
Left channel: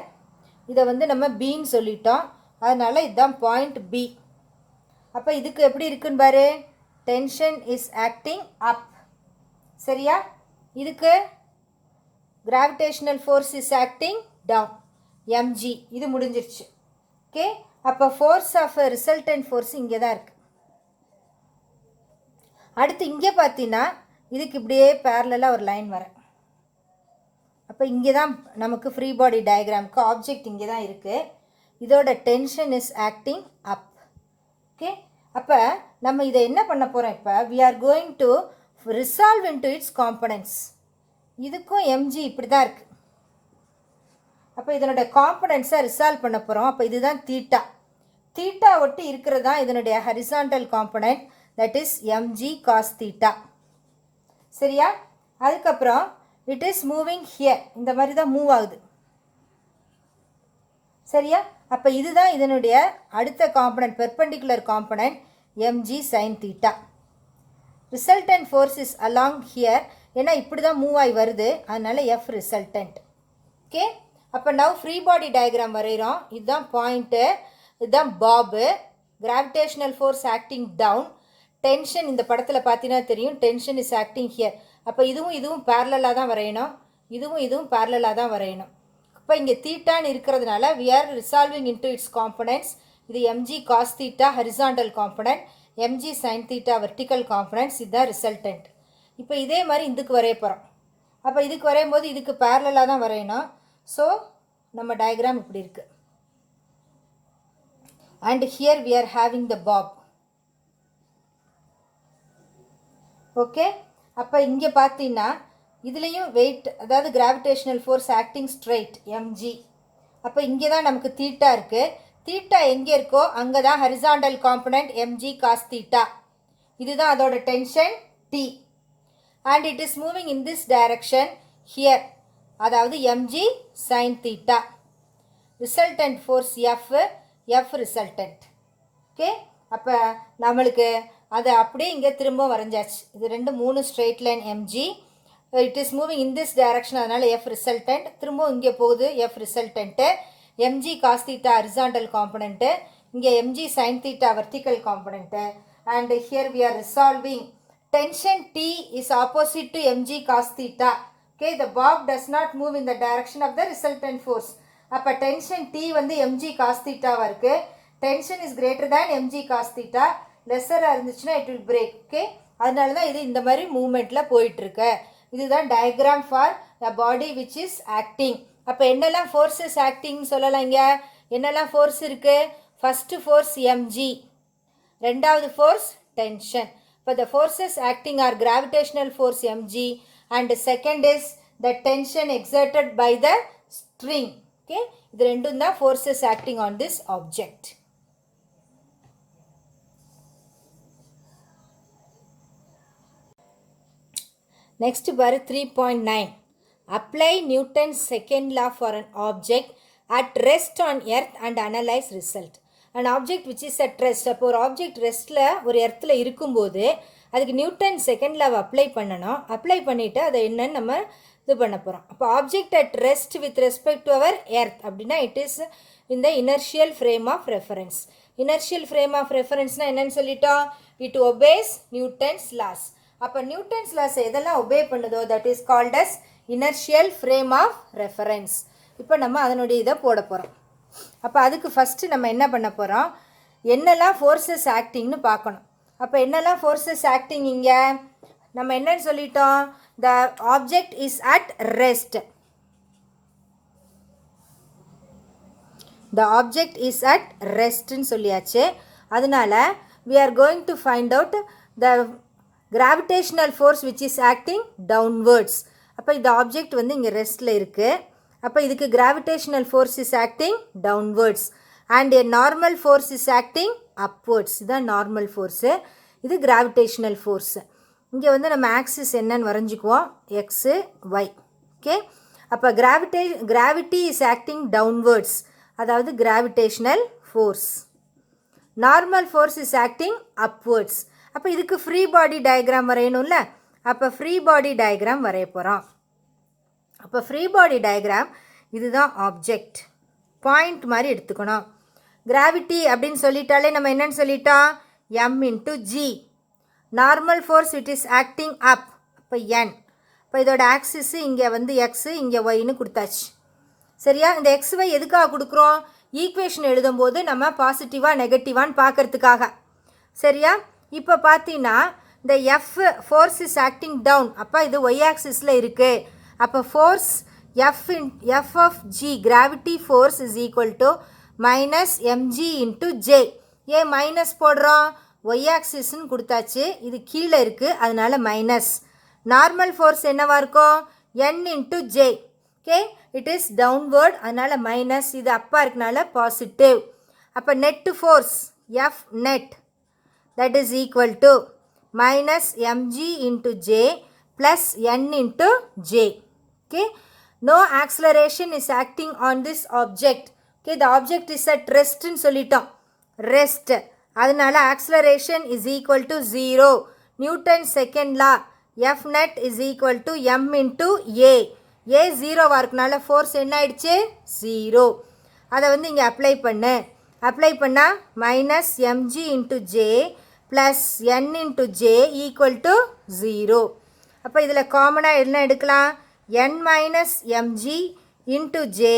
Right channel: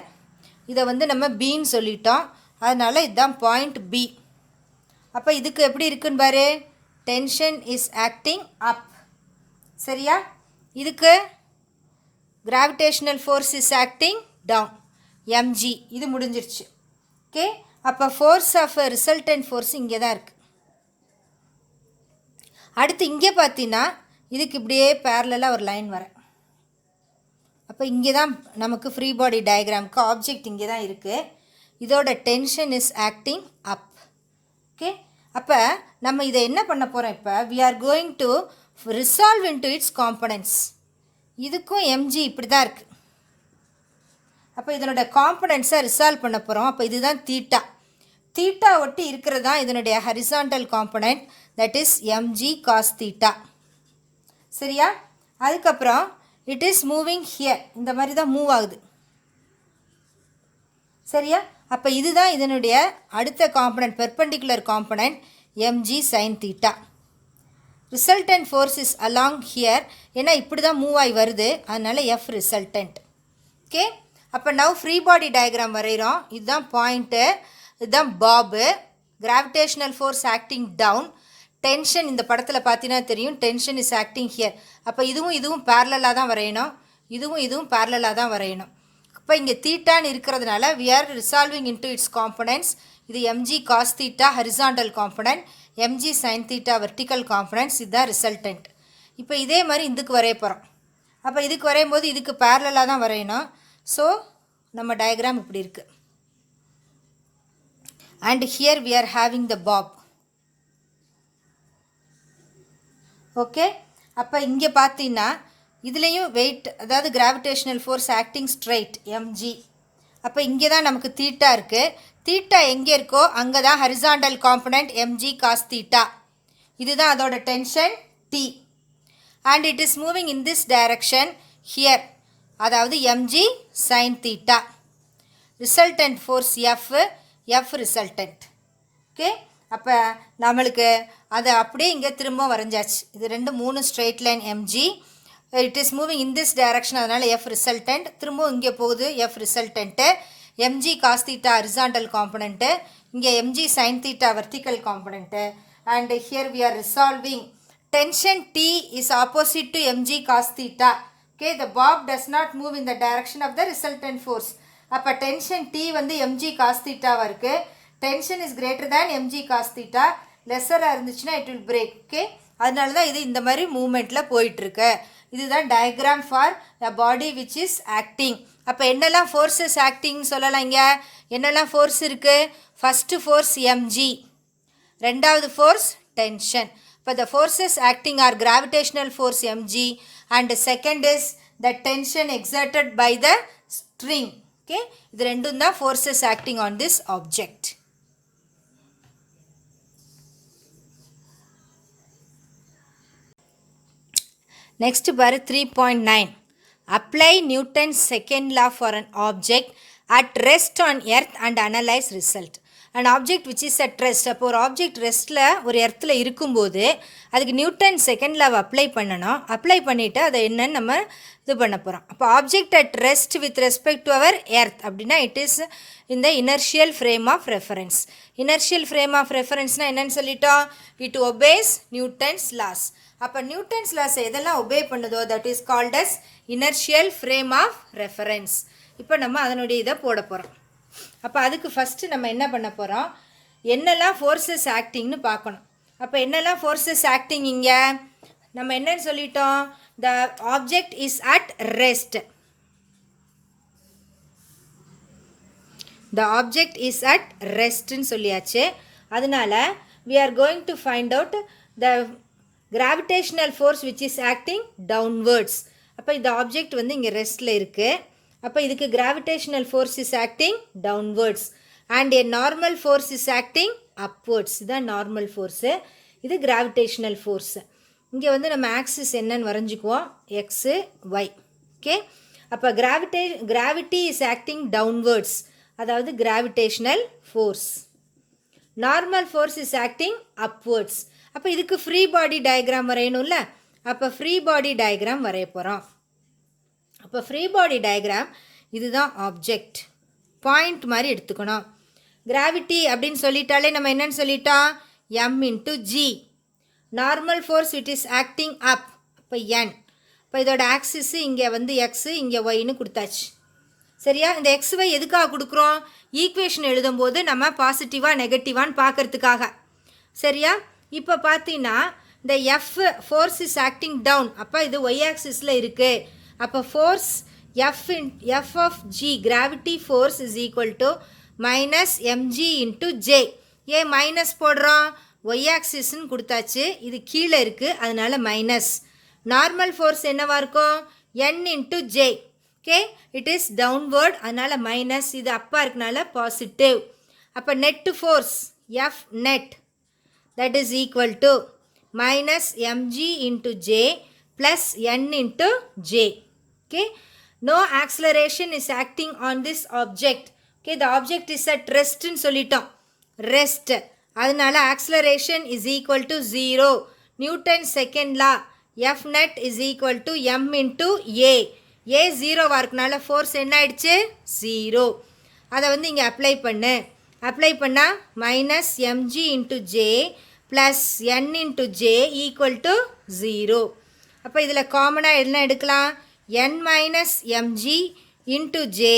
இதை வந்து நம்ம பின்னு சொல்லிட்டோம், அதனால் இதுதான் பாயிண்ட் பி. அப்போ இதுக்கு எப்படி இருக்குன்னு பாரு. Tension is acting up. சரியா? இதுக்கு gravitational force is acting down, mg. இது முடிஞ்சிருச்சு. ஓகே. அப்போ ஃபோர்ஸ் ஆஃப் ரிசல்டன்ட் ஃபோர்ஸ் இங்கே தான் இருக்குது. அடுத்து இங்கே பார்த்தீங்கன்னா இதுக்கு இப்படியே பேரலாக ஒரு லைன் வரேன். அப்போ இங்கே தான் நமக்கு ஃப்ரீ பாடி டயக்ராமுக்கு ஆப்ஜெக்ட் இங்கே தான் இருக்குது. இதோட tension is acting up. Okay. அப்போ நம்ம இதை என்ன பண்ண போகிறோம், இப்போ we are going to resolve into its components. இதுக்கும் mg இப்படி தான் இருக்குது. அப்போ இதனோட காம்பனன்ட்ஸை ரிசால்வ் பண்ண போகிறோம். அப்போ இதுதான் தீட்டா. தீட்டா ஒட்டி இருக்கிறது தான் இதனுடைய horizontal component, that is mg cos theta. சரியா? அதுக்கப்புறம் இட் இஸ் மூவிங் ஹியர், இந்த மாதிரி தான் மூவ் ஆகுது. சரியா? அப்போ இதுதான் இதனுடைய அடுத்த component, perpendicular component mg sin theta. Resultant force is along here, ஏன்னா இப்படி தான் மூவ் ஆகி வருது, அதனால் f ரிசல்டன்ட். ஓகே. அப்போ நவ் ஃப்ரீ பாடி டயக்ராம் வரைகிறோம். இதுதான் பாயிண்ட்டு, இதுதான் bob. Gravitational force acting down, tension இந்த படத்தில் பார்த்தீங்கன்னா தெரியும், டென்ஷன் இஸ் ஆக்டிங் ஹியர். அப்போ இதுவும் பேரலாக தான் வரையணும், இதுவும் பேரலாக தான் வரையணும். இப்போ இங்கே தீட்டான்னு இருக்கிறதுனால we are resolving into its components. இது mg cos theta horizontal component, mg sin theta vertical components, இதுதான் ரிசல்டன்ட். இப்போ இதே மாதிரி இதுக்கு வரைய போகிறோம். அப்போ இதுக்கு வரையும் போது இதுக்கு பேரலாக தான் வரையணும். ஸோ நம்ம டயக்ராம் இப்படி இருக்குது. And here we are having the bob. Okay, அப்போ இங்கே பார்த்தீங்கன்னா இதுலேயும் வெயிட், அதாவது gravitational force acting straight mg. அப்போ இங்கே தான் நமக்கு தீட்டா இருக்குது. தீட்டா எங்கே இருக்கோ அங்கே தான் horizontal component mg cos theta. இதுதான் அதோட tension T. And it is moving in this direction here, அதாவது mg sine theta. Resultant force F resultant. Okay, அப்போ நம்மளுக்கு அதை அப்படியே இங்கே திரும்ப வரைஞ்சாச்சு. இது 3 straight line mg, it is moving in this direction, அதனால் F ரிசல்டன்ட். திரும்ப இங்கே போகுது F resultant. mg cos theta horizontal component, இங்கே mg sine theta vertical component. And here we are resolving. Tension T is opposite to mg cos theta. Okay, the bob does not move in the direction of the resultant force. அப்போ tension T வந்து mg cos theta இருக்கு. Tension is greater than mg cos theta. லெஸ்ஸராக இருந்துச்சுன்னா it will break. Okay, அதனால தான் இது இந்த மாதிரி மூமெண்ட்டில் போயிட்டுருக்கு. இதுதான் diagram for a body which is acting. அப்போ என்னெல்லாம் ஃபோர்ஸஸ் ஆக்டிங்னு சொல்லலாம். இங்கே என்னெல்லாம் ஃபோர்ஸ் இருக்குது? ஃபஸ்ட்டு ஃபோர்ஸ் mg, ரெண்டாவது force tension. But the forces acting are gravitational force mg, and the second is the tension exerted by the string. Okay, இது ரெண்டும் தான் forces acting on this object. Next பாரு 3.9. Apply Newton's second law for an object at rest on earth and analyze result. an object which is at rest. அப்போ ஒரு ஆப்ஜெக்ட் ரெஸ்ட்டில் ஒரு எர்த்தில் இருக்கும்போது அதுக்கு நியூட்டன் செகண்ட் லாவை அப்ளை பண்ணணும். அப்ளை பண்ணிவிட்டு அதை என்னன்னு நம்ம இது பண்ண போகிறோம். அப்போ object at rest with respect to our earth அப்படின்னா இட் இஸ் இந்த inertial frame of reference. Inertial frame of ரெஃபரன்ஸ்னால் என்னென்னு சொல்லிட்டோம்? It obeys Newton's laws. அப்போ நியூட்டன்ஸ் லாஸ் எதெல்லாம் ஒபே பண்ணுதோ that is called as inertial frame of reference. இப்போ நம்ம அதனுடைய இதை போட போகிறோம். அப்போ அதுக்கு ஃபஸ்ட்டு நம்ம என்ன பண்ண போகிறோம்? என்னெல்லாம் ஃபோர்ஸஸ் ஆக்டிங்னு பார்க்கணும். அப்போ என்னெல்லாம் ஃபோர்ஸஸ் ஆக்டிங் இங்கே நம்ம என்னன்னு சொல்லிட்டோம்? The object is at rest. The object is at ரெஸ்ட்னு சொல்லியாச்சு. அதனால் we are going to find out the gravitational force which is acting downwards. அப்போ இந்த ஆப்ஜெக்ட் வந்து இங்கே ரெஸ்ட்டில் இருக்குது. அப்போ இதுக்கு gravitational force is acting downwards and a normal force is acting upwards. இதுதான் நார்மல் ஃபோர்ஸு, இது gravitational force. இங்கே வந்து நம்ம ஆக்சிஸ் என்னன்னு வரைஞ்சிக்குவோம், எக்ஸு ஒய். ஓகே, அப்போ gravity is acting downwards, அதாவது gravitational force. Normal force is acting upwards. அப்போ இதுக்கு ஃப்ரீ பாடி டயக்ராம் வரையணும்ல, அப்போ ஃப்ரீ பாடி டயக்ராம் வரைய போகிறோம். அப்போ ஃப்ரீ பாடி டயக்ராம் இதுதான் ஆப்ஜெக்ட், பாயிண்ட் மாதிரி எடுத்துக்கணும். கிராவிட்டி அப்படின்னு சொல்லிட்டாலே நம்ம என்னன்னு சொல்லிட்டோம்? m into g. Normal force it is acting up, அப்போ n. இப்போ இதோட ஆக்சிஸு இங்கே வந்து எக்ஸு, இங்கே ஒய்னு கொடுத்தாச்சு. சரியா? இந்த எக்ஸ் ஒய் எதுக்காக கொடுக்குறோம்? ஈக்குவேஷன் எழுதும்போது நம்ம பாசிட்டிவாக நெகட்டிவான்னு பார்க்கறதுக்காக. சரியா? இப்போ பார்த்தீங்கன்னா இந்த F force is acting down, அப்போ இது ஒய் ஆக்சிஸில் இருக்குது. அப்போ force F of G gravity force is equal to minus MG into J. ஏன் மைனஸ் போடுறோம்? ஒய் ஆக்சிஸ்ன்னு கொடுத்தாச்சு, இது கீழே இருக்குது அதனால் மைனஸ். நார்மல் ஃபோர்ஸ் என்னவாக இருக்கும்? N into J. Okay, it is downward, அதனால் மைனஸ். இது அப்பா இருக்கனால பாசிட்டிவ். அப்போ net force F net that is equal to minus MG into J plus N into J. Okay, no acceleration is acting on this object. Okay, the object is at ரெஸ்ட்னு சொல்லிட்டோம், ரெஸ்ட். அதனால் acceleration is equal to 0. Newton second law F net is equal to M into A. A 0வாக இருக்கனால ஃபோர்ஸ் என்ன ஆயிடுச்சு? 0. அதை வந்து இங்கே அப்ளை பண்ணு. அப்ளை பண்ணால் minus MG into J plus N into j equal to 0. அப்போ இதில் காமனாக என்ன எடுக்கலாம்? n minus MG into j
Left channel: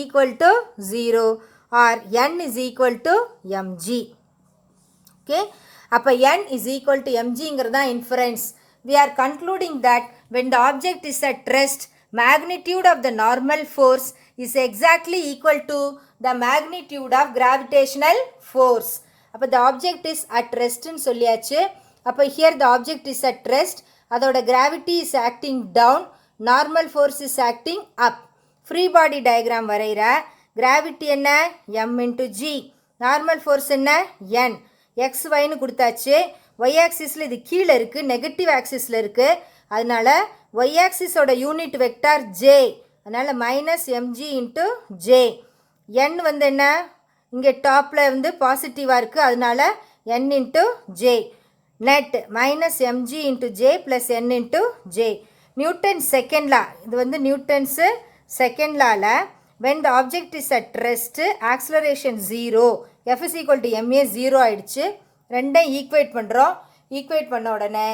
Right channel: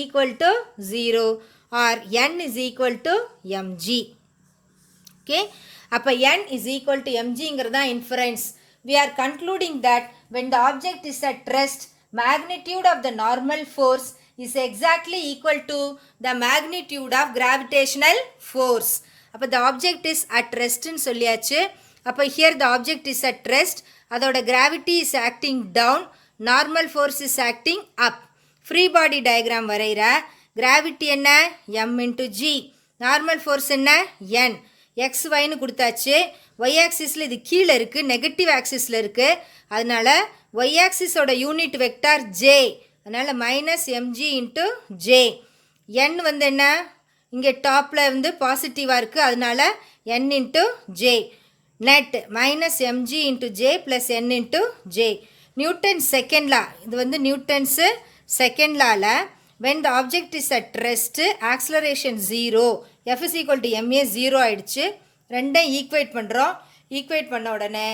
equal to 0 or n is equal to mg. Okay, அப்போ n is equal to mgங்கிறது தான் inference. We are concluding that when the object is at rest, magnitude of the normal force is exactly equal to the magnitude of gravitational force. அப்போ the object is at rest ன்னு சொல்லியாச்சு. அப்போ here the object is at rest, அதோட gravity is acting down, normal force is acting up. Free body diagram வரைகிற gravity என்ன? m into g. normal force என்ன? n. x yன்னு கொடுத்தாச்சு. y axisல இது கீழே இருக்குது, நெகட்டிவ் ஆக்சிஸில் இருக்குது. அதனால் y axisோட யூனிட் வெக்டார் j. அதனால் minus MG into J. n வந்து என்ன? இங்கே டாப்பில் வந்து பாசிட்டிவாக இருக்குது. அதனால் n into J. Net minus MG into J plus n into J. Newton second லா, இது வந்து நியூட்டன்ஸு second லாவில் when the object is at rest, acceleration 0, f is equal to ma 0 ஆயிடுச்சு. ரெண்டும் ஈக்குவேட் பண்ணுறோம். ஈக்குவேட் பண்ண உடனே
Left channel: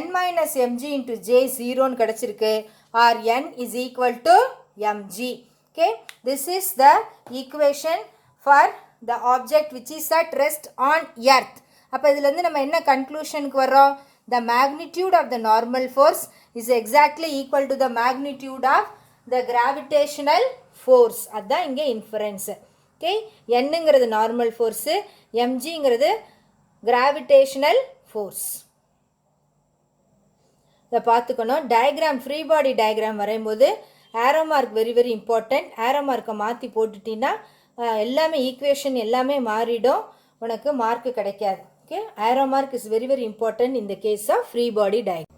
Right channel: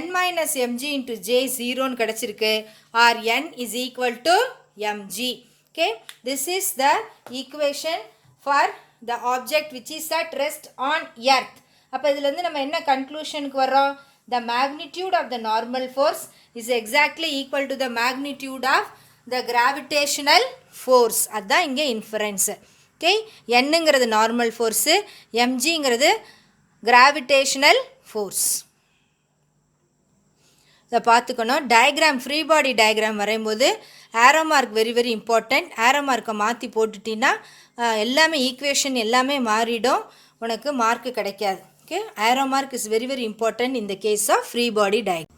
n minus mg into j 0ன்னு கிடச்சிருக்கு. or n is equal to mg. Okay, this is the equation for the object which is at rest on earth. அப்போ இதுலேருந்து நம்ம என்ன கன்க்ளூஷனுக்கு வரோம்? The magnitude of the normal force is exactly equal to the magnitude of the gravitational force. அதுதான் இங்கே இன்ஃபரன்ஸு. ஓகே, என்னங்கிறது நார்மல் ஃபோர்ஸு, எம்ஜிங்கிறது கிராவிடேஷனல் ஃபோர்ஸ். இதை பார்த்துக்கணும். டயக்ராம், ஃப்ரீ பாடி டயக்ராம் வரையும்போது arrow mark very very important. Arrow மார்க்கை மாற்றி போட்டுட்டின்னா எல்லாமே ஈக்குவேஷன் எல்லாமே மாறிடும், உனக்கு மார்க்கு கிடைக்காது. Okay, arrow mark is very very important in the case of free body diagram.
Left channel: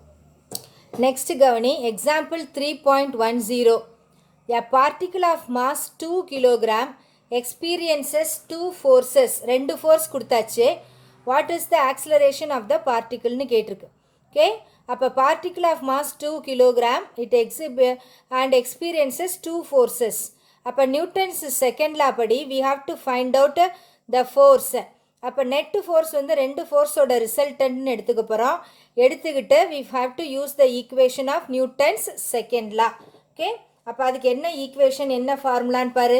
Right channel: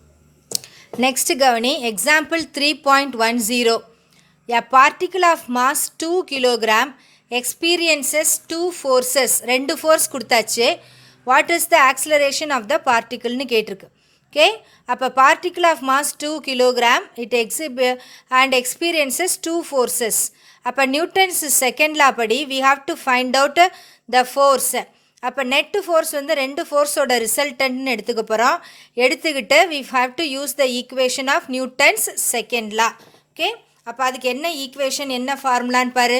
Next கவனி, example 3.10. A particle of mass 2 kg experiences two forces. ரெண்டு ஃபோர்ஸ் கொடுத்தாச்சு. What is the acceleration of the particle ன்னு கேட்டிருக்கு. ஓகே, அப்போ particle of mass 2 kg it and experiences two forces. அப்போ நியூட்டன்ஸ் செகண்ட் லா படி we have to find out the force. அப்போ நெட்டு ஃபோர்ஸ் வந்து ரெண்டு ஃபோர்ஸோட ரிசல்டன்ட்னு எடுத்துக்க போகிறோம். எடுத்துக்கிட்டு we have to use the equation of Newton's second law. Okay, அப்போ அதுக்கு என்ன ஈக்குவேஷன், என்ன ஃபார்முலான்னு பாரு.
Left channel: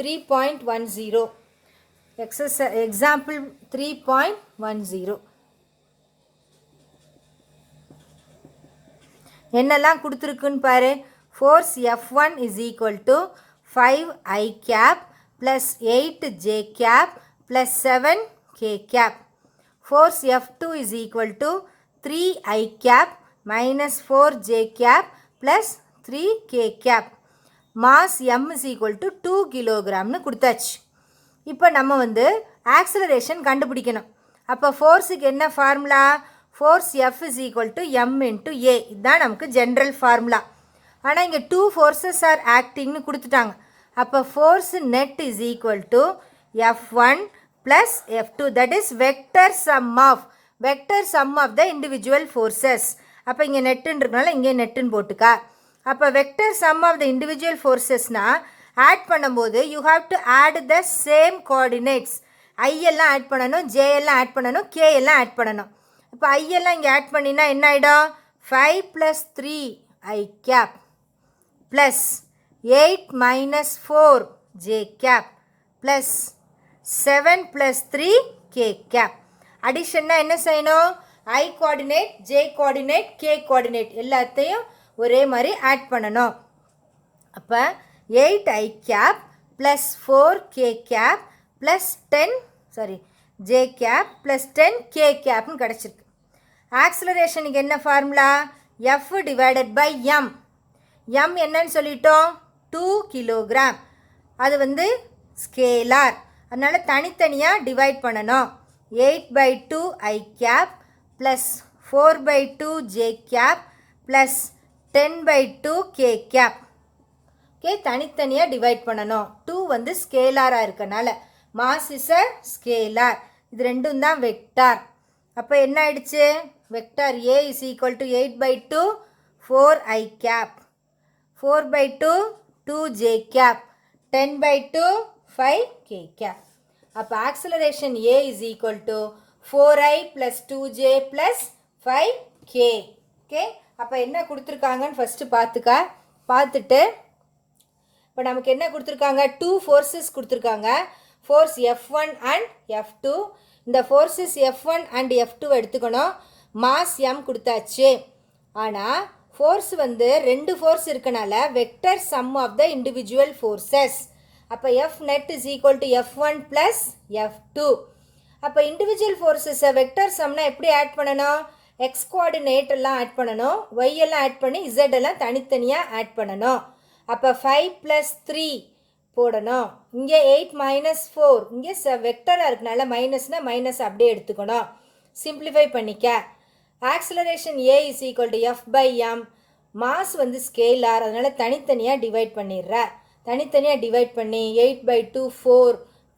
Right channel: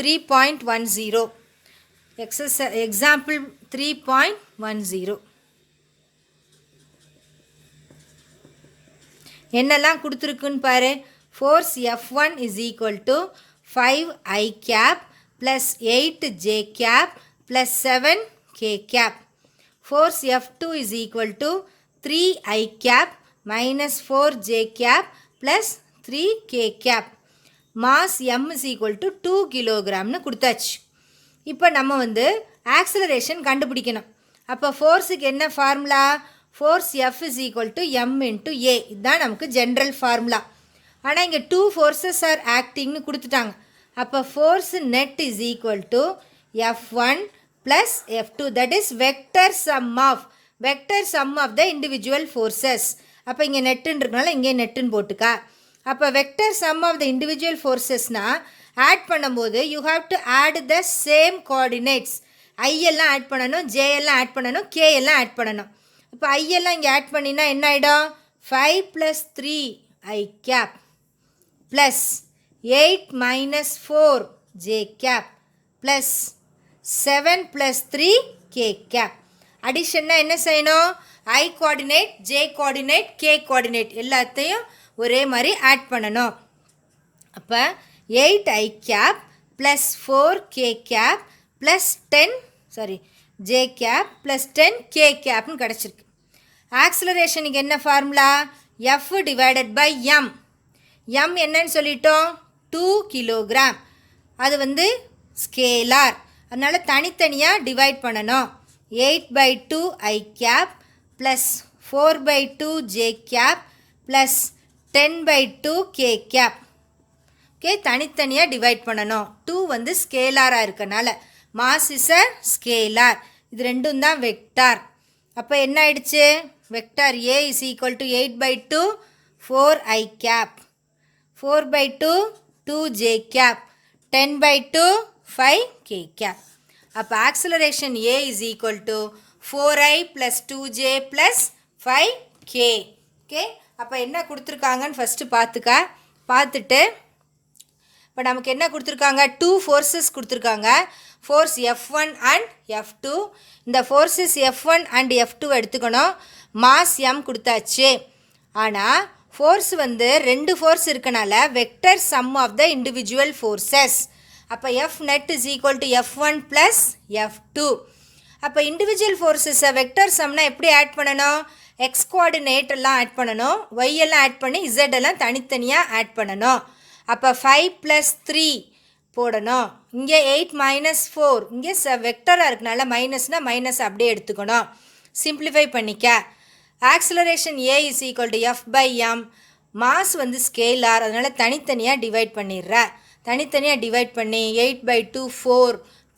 3.10 எக்ஸாம்பிள் 3.10 என்னெல்லாம் கொடுத்துருக்குன்னு பாரு. Force F1 is equal to 5i cap plus 8j cap plus 7k cap. Force F2 is equal to 3i cap minus 4j cap plus 3k cap. Mass m is equal to 2 kilogramனு கொடுத்தாச்சு. இப்போ நம்ம வந்து ஆக்சலரேஷன் கண்டுபிடிக்கணும். அப்போ ஃபோர்ஸுக்கு என்ன formula? Force F is equal to m into a. இதுதான் நமக்கு ஜென்ரல் ஃபார்முலா. ஆனால் இங்கே டூ ஃபோர்ஸஸ் ஆர் ஆக்டிங்னு கொடுத்துட்டாங்க. அப்போ force net is equal to F1 plus F2, that is vector sum of the individual forces. அப்போ இங்கே நெட்டுன்றதுனால இங்கே நெட்டுன்னு போட்டுக்கா. அப்போ vector sum of the individual ஃபோர்ஸஸ்னால் ஆட் பண்ணும்போது you have to add the same coordinates. I எல்லாம் ஆட் பண்ணணும், ஜே எல்லாம் ஆட் பண்ணணும், கே எல்லாம் ஆட் பண்ணணும். இப்போ ஐ எல்லாம் இங்கே ஆட் பண்ணினா என்ன ஆகிடும்? 5 + 3i cap plus 8 - 4j cap plus 7 + 3k cap. அடிஷன்னா என்ன செய்யணும்? I coordinate, J coordinate, K coordinate எல்லாத்தையும் ஒரே மாதிரி ஆட் பண்ணணும். அப்போ 8i cap plus 4k cap plus J cap plus 10k கேப்னு கிடச்சிருக்கு. ஆக்சிலரேஷனுக்கு என்ன formula? F divided by m. m என்னன்னு சொல்லிட்டோம்? 2 கிலோகிராம். அது வந்து ஸ்கேலார், அதனால் தனித்தனியாக டிவைட் பண்ணணும். 8/2i cap plus 4/2j cap plus 10/2k cap. Okay, தனித்தனியாக டிவைட் பண்ணணும். 2 வந்து ஸ்கேலாராக இருக்கனால, மாஸ் இஸ் அ ஸ்கேலார், இது ரெண்டும் தான் வெக்டார். அப்போ என்ன ஆயிடுச்சு? Vector A is equal to 8/2 4i cap, 4/2 2j cap, 10/2 5k cap. அப்போ acceleration A is equal to 4i plus 2j plus 5k. Okay, அப்போ என்ன கொடுத்துருக்காங்கன்னு ஃபஸ்ட்டு பார்த்துட்டு இப்போ நமக்கு என்ன கொடுத்துருக்காங்க, 2 forces கொடுத்துருக்காங்க. Force F1 and F2. இந்த ஃபோர்ஸஸ் F1 அண்ட் F2 எடுத்துக்கணும். மாஸ் M கொடுத்தாச்சு. ஆனால் ஃபோர்ஸ் வந்து 2 ஃபோர்ஸ் இருக்கனால vector sum of the individual forces. அப்போ F net is equal to F1 plus F2. அப்போ இண்டிவிஜுவல் ஃபோர்ஸஸை வெக்டர் சம்னா எப்படி ஆட் பண்ணணும், எக்ஸ் கோஆர்டினேட் எல்லாம் ஆட் பண்ணணும், ஒய் எல்லாம் ஆட் பண்ணி இசட் எல்லாம் தனித்தனியாக ஆட் பண்ணணும். அப்போ 5 + 3 போடணும். இங்கே 8 - 4, இங்கே வெக்டராக இருக்கனால மைனஸ்னால் மைனஸ் அப்படியே எடுத்துக்கணும். சிம்பிளிஃபை பண்ணிக்க. Acceleration A is equal to F by M. Mass வந்து ஸ்கேலார், அதனால் தனித்தனியாக டிவைட் பண்ணிடுற. தனித்தனியாக டிவைட் பண்ணி 8/2 4,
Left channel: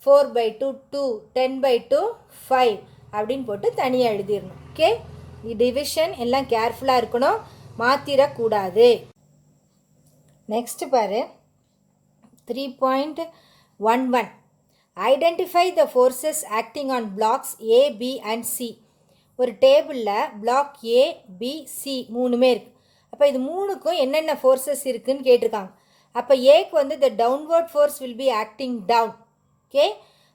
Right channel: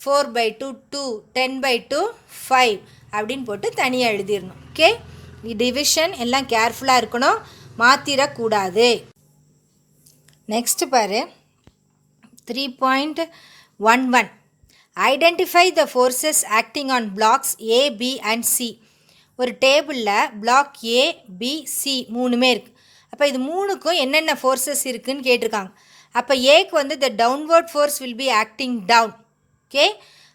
4/2 2, 10/2 5 அப்படின்னு போட்டு தனியாக எழுதிடணும். ஓகே, டிவிஷன் எல்லாம் கேர்ஃபுல்லாக இருக்கணும், மாற்றிடக்கூடாது. நெக்ஸ்ட் பாரு 3.11. Identify the forces acting on blocks A, B and C. ஒரு டேபிளில் பிளாக் A, B, C மூணுமே இருக்குது. அப்போ இது மூணுக்கும் என்னென்ன ஃபோர்ஸஸ் இருக்குதுன்னு கேட்டிருக்காங்க. அப்போ ஏக்கு வந்து the downward force will be acting down. Okay,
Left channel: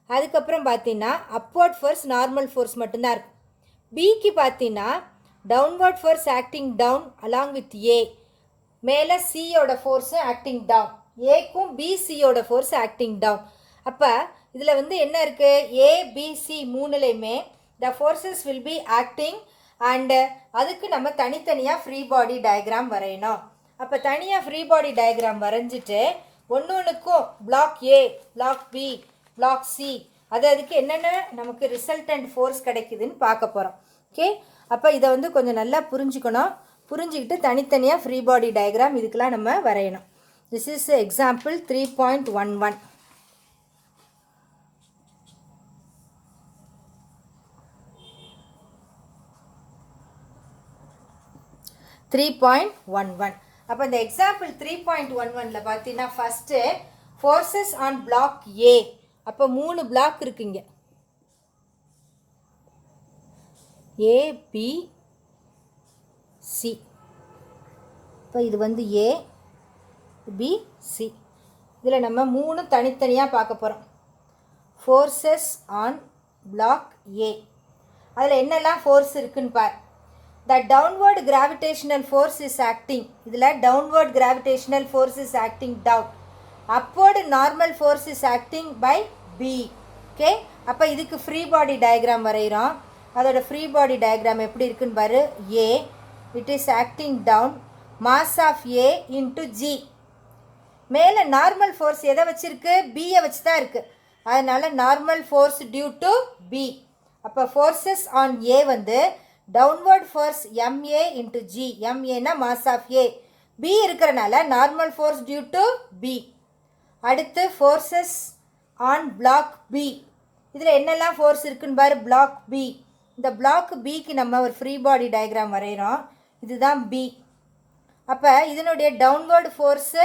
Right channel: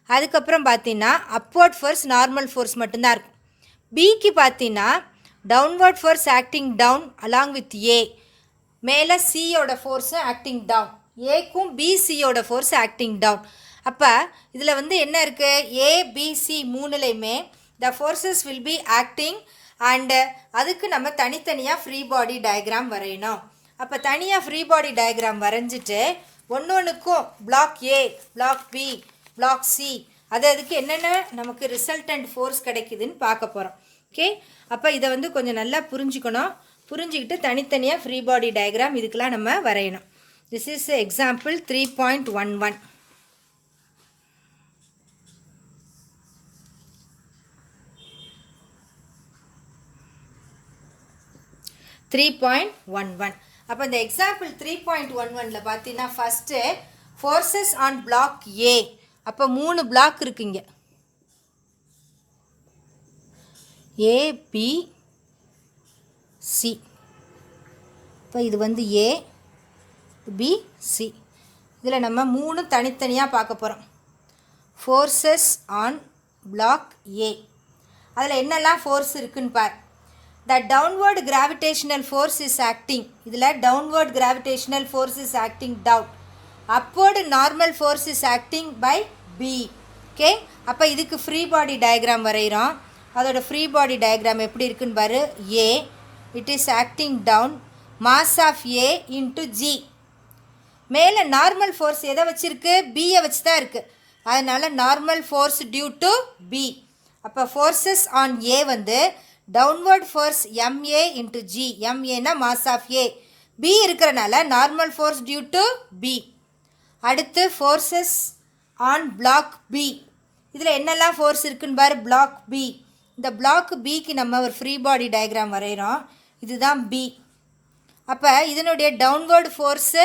அதுக்கப்புறம் பார்த்தீங்கன்னா அப்வர்ட் ஃபோர்ஸ் நார்மல் ஃபோர்ஸ் மட்டும்தான் இருக்கும். பிக்கு பார்த்தீங்கன்னா downward force acting down along with A, மேலே சியோட ஃபோர்ஸும் ஆக்டிங் டவுன், ஏக்கும் பிசியோட ஃபோர்ஸ் ஆக்டிங் டவுன். அப்போ இதில் வந்து என்ன இருக்குது, ஏபிசி மூணுலேயுமே the forces will be acting and அதுக்கு நம்ம தனித்தனியாக ஃப்ரீ பாடி டயக்ராம் வரையணும். அப்போ தனியாக ஃப்ரீ பாடி டயக்ராம் வரைஞ்சிட்டு ஒன்றுக்கும் பிளாக் ஏ, பிளாக் பி, பிளாக் சி அதுக்கு என்னென்ன நமக்கு ரிசல்டன்ட் ஃபோர்ஸ் கிடைக்குதுன்னு பார்க்க போகிறோம். ஓகே, அப்போ இதை வந்து கொஞ்சம் நல்லா புரிஞ்சுக்கணும். புரிஞ்சுக்கிட்டு தனித்தனியாக ஃப்ரீ பாடி டயக்ராம் இதுக்கெலாம் நம்ம வரையணும். This is example 3.11. 3.11. அப்போ இந்த எக்ஸாம்பிள் 3.11ல் பார்த்தீங்கன்னா ஃபஸ்ட்டு ஃபோர்ஸஸ் ஆன் பிளாக் ஏ. அப்போ 3 பிளாக் இருக்குங்க, ஏபிசி. இப்போ இது வந்து ஏபிசி. இதில் நம்ம 3 தனித்தனியாக பார்க்க போகிறோம். ஃபோர்ஸஸ் ஆன் பிளாக் ஏ, அதில் என்னெல்லாம் ஃபோர்ஸ் இருக்குன்னு பார். The downward gravitational force is acting. இதில் downward gravitational force is acting down. Upward normal force is acting by B. Okay, அப்போ இதுக்கு ஃப்ரீ பாடி டயக்ராம் வரைகிறோம். அதோட ஃப்ரீ பாடி டயக்ராம் எப்படி இருக்குன்னு பாரு. A, it is acting down, mass of A into G. மேலே நார்மல் ஃபோர்ஸ் எதை வச்சுருக்கு, பியை வச்சு தான் இருக்குது. அதனால் normal force due to B. அப்போ ஃபோர்ஸஸ் ஆன் ஏ வந்து downward force MA into G. MAனா மாஸ் ஆஃப் A, B இருக்கிறனால normal force due to B. அடுத்து ஃபோர்ஸஸ் ஆன் பிளாக் B. இதில் என்னெல்லாம் ஃபோர்ஸ் இருக்குன்னு பாரு. பிளாக் B, இந்த பிளாக் பிக்கு நம்ம ஒரு ஃப்ரீ பாடி டயக்ராம் வரைகிறோம். இதுதான் B. அப்போ இதனுடைய downward force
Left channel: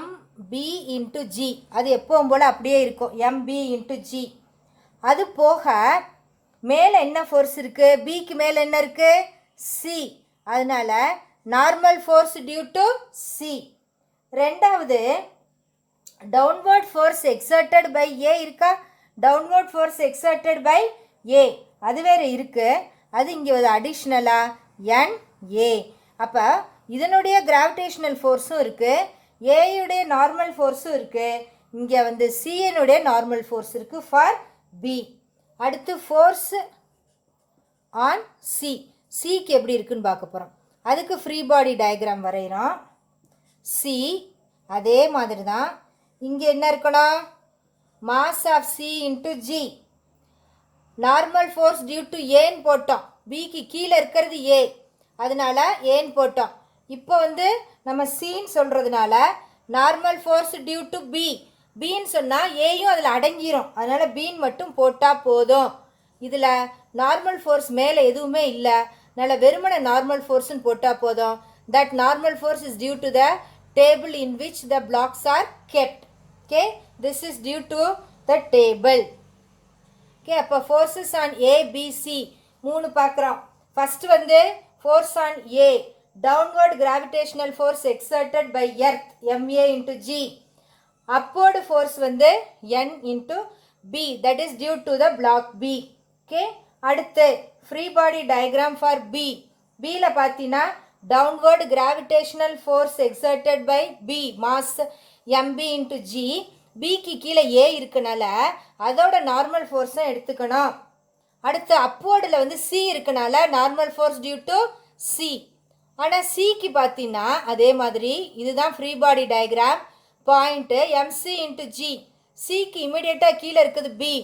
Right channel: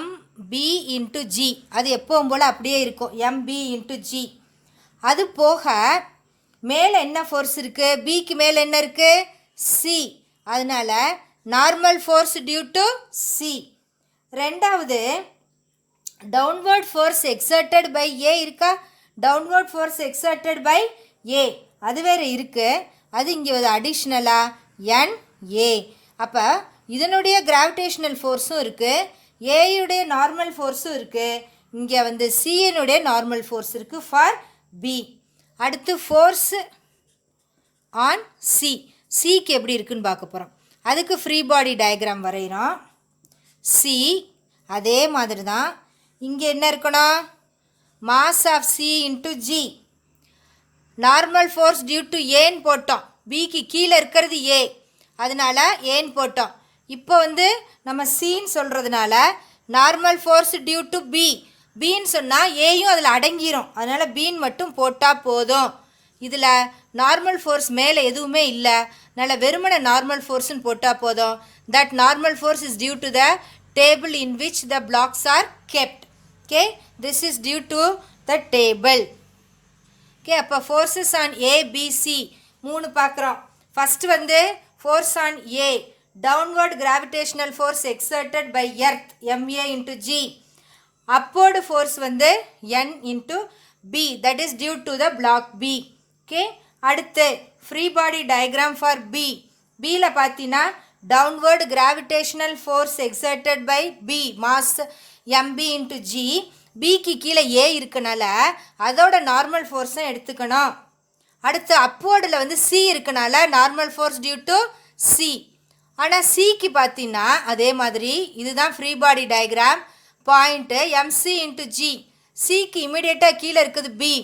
MB into G. அது எப்பவும் போல் அப்படியே இருக்கும், MB into G. அது போக மேலே என்ன ஃபோர்ஸ் இருக்குது, பிக்கு மேலே என்ன இருக்குது, சி. அதனால் normal force due to C. ரெண்டாவது downward force exerted by A இருக்கா, downward force exerted by A அது வேறு இருக்குது. அது இங்கே ஒரு அடிஷ்னலாக NA. அப்போ இதனுடைய கிராவிடேஷ்னல் ஃபோர்ஸும் இருக்குது, ஏயுடைய நார்மல் ஃபோர்ஸும் இருக்குது. இங்கே வந்து சியினுடைய நார்மல் ஃபோர்ஸ் இருக்குது ஃபார் பி. அடுத்து ஃபோர்ஸு ஆன் சி, சிக்கு எப்படி இருக்குன்னு பார்க்க போகிறோம். அதுக்கு ஃப்ரீ பாடி டயக்ராம் வரைகிறோம். சி அதே மாதிரி தான். இங்கே என்ன இருக்கணும், mass of C into g. Normal force due to ஏன்னு போட்டோம், பிக்கு கீழே இருக்கிறது ஏ, அதனால ஏன்னு போட்டோம். இப்போ வந்து நம்ம சின்னு சொல்கிறதுனால normal force due to B, பின்னு சொன்னால் ஏயும் அதில் அடங்கிரும், அதனால் பின்னு மட்டும் போட்டால் போதும். இதில் நார்மல் ஃபோர்ஸ் மேலே எதுவுமே இல்லை, அதனால் வெறுமனை நார்மல் ஃபோர்ஸ்ன்னு போட்டால் போதும். That normal force is due to the table in which the blocks are kept. Okay, this is due to the table. Okay, அப்போ forces on A, B, C மூணு பார்க்குறோம். ஃபஸ்ட்டு வந்து force on A, downward gravitational force exerted by earth, MA into G. upward force வந்து N into B, that is due to the block B. Okay, அடுத்து free body diagram for B. Bல பார்த்தீங்கன்னா downward gravitational force exerted by B, mass MB into G. பிக்கு கீழே ஏ இருக்கனால அதோட நார்மல் ஃபோர்ஸை எடுத்துக்கணும். அடுத்து அப்வர்டில் வந்து சி இருக்கனால normal force due to C. ஆனால் சிக்கு பார்த்தீங்கன்னா அதே மாதிரி இதுதான் free body diagram. Point MC into G. சிக்கு இமீடியட்டாக கீழே இருக்குது பி.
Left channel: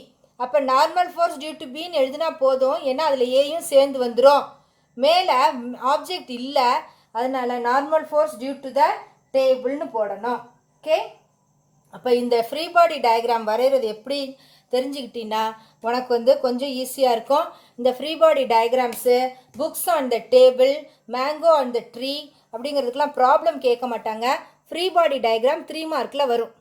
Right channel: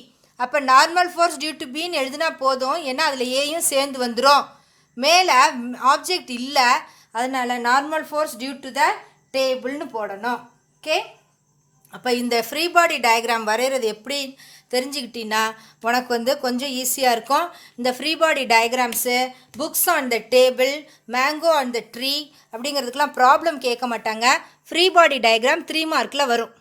அப்போ நார்மல் ஃபோர்ஸ் டியூ டு பின்னு எழுதினா போதும், ஏன்னா அதில் ஏயும் சேர்ந்து வந்துடும். மேலே ஆப்ஜெக்ட் இல்லை, அதனால் normal force due to the டேபிள்னு போடணும். ஓகே, அப்போ இந்த ஃப்ரீ பாடி டயக்ராம் வரைகிறது எப்படி தெரிஞ்சுக்கிட்டீங்கன்னா உனக்கு வந்து கொஞ்சம் ஈஸியாக இருக்கும். இந்த free body diagrams books on the table, mango on the tree அப்படிங்கிறதுக்கெலாம் ப்ராப்ளம் கேட்க மாட்டாங்க. ஃப்ரீ பாடி டயக்ராம் 3 மார்க்கில் வரும்.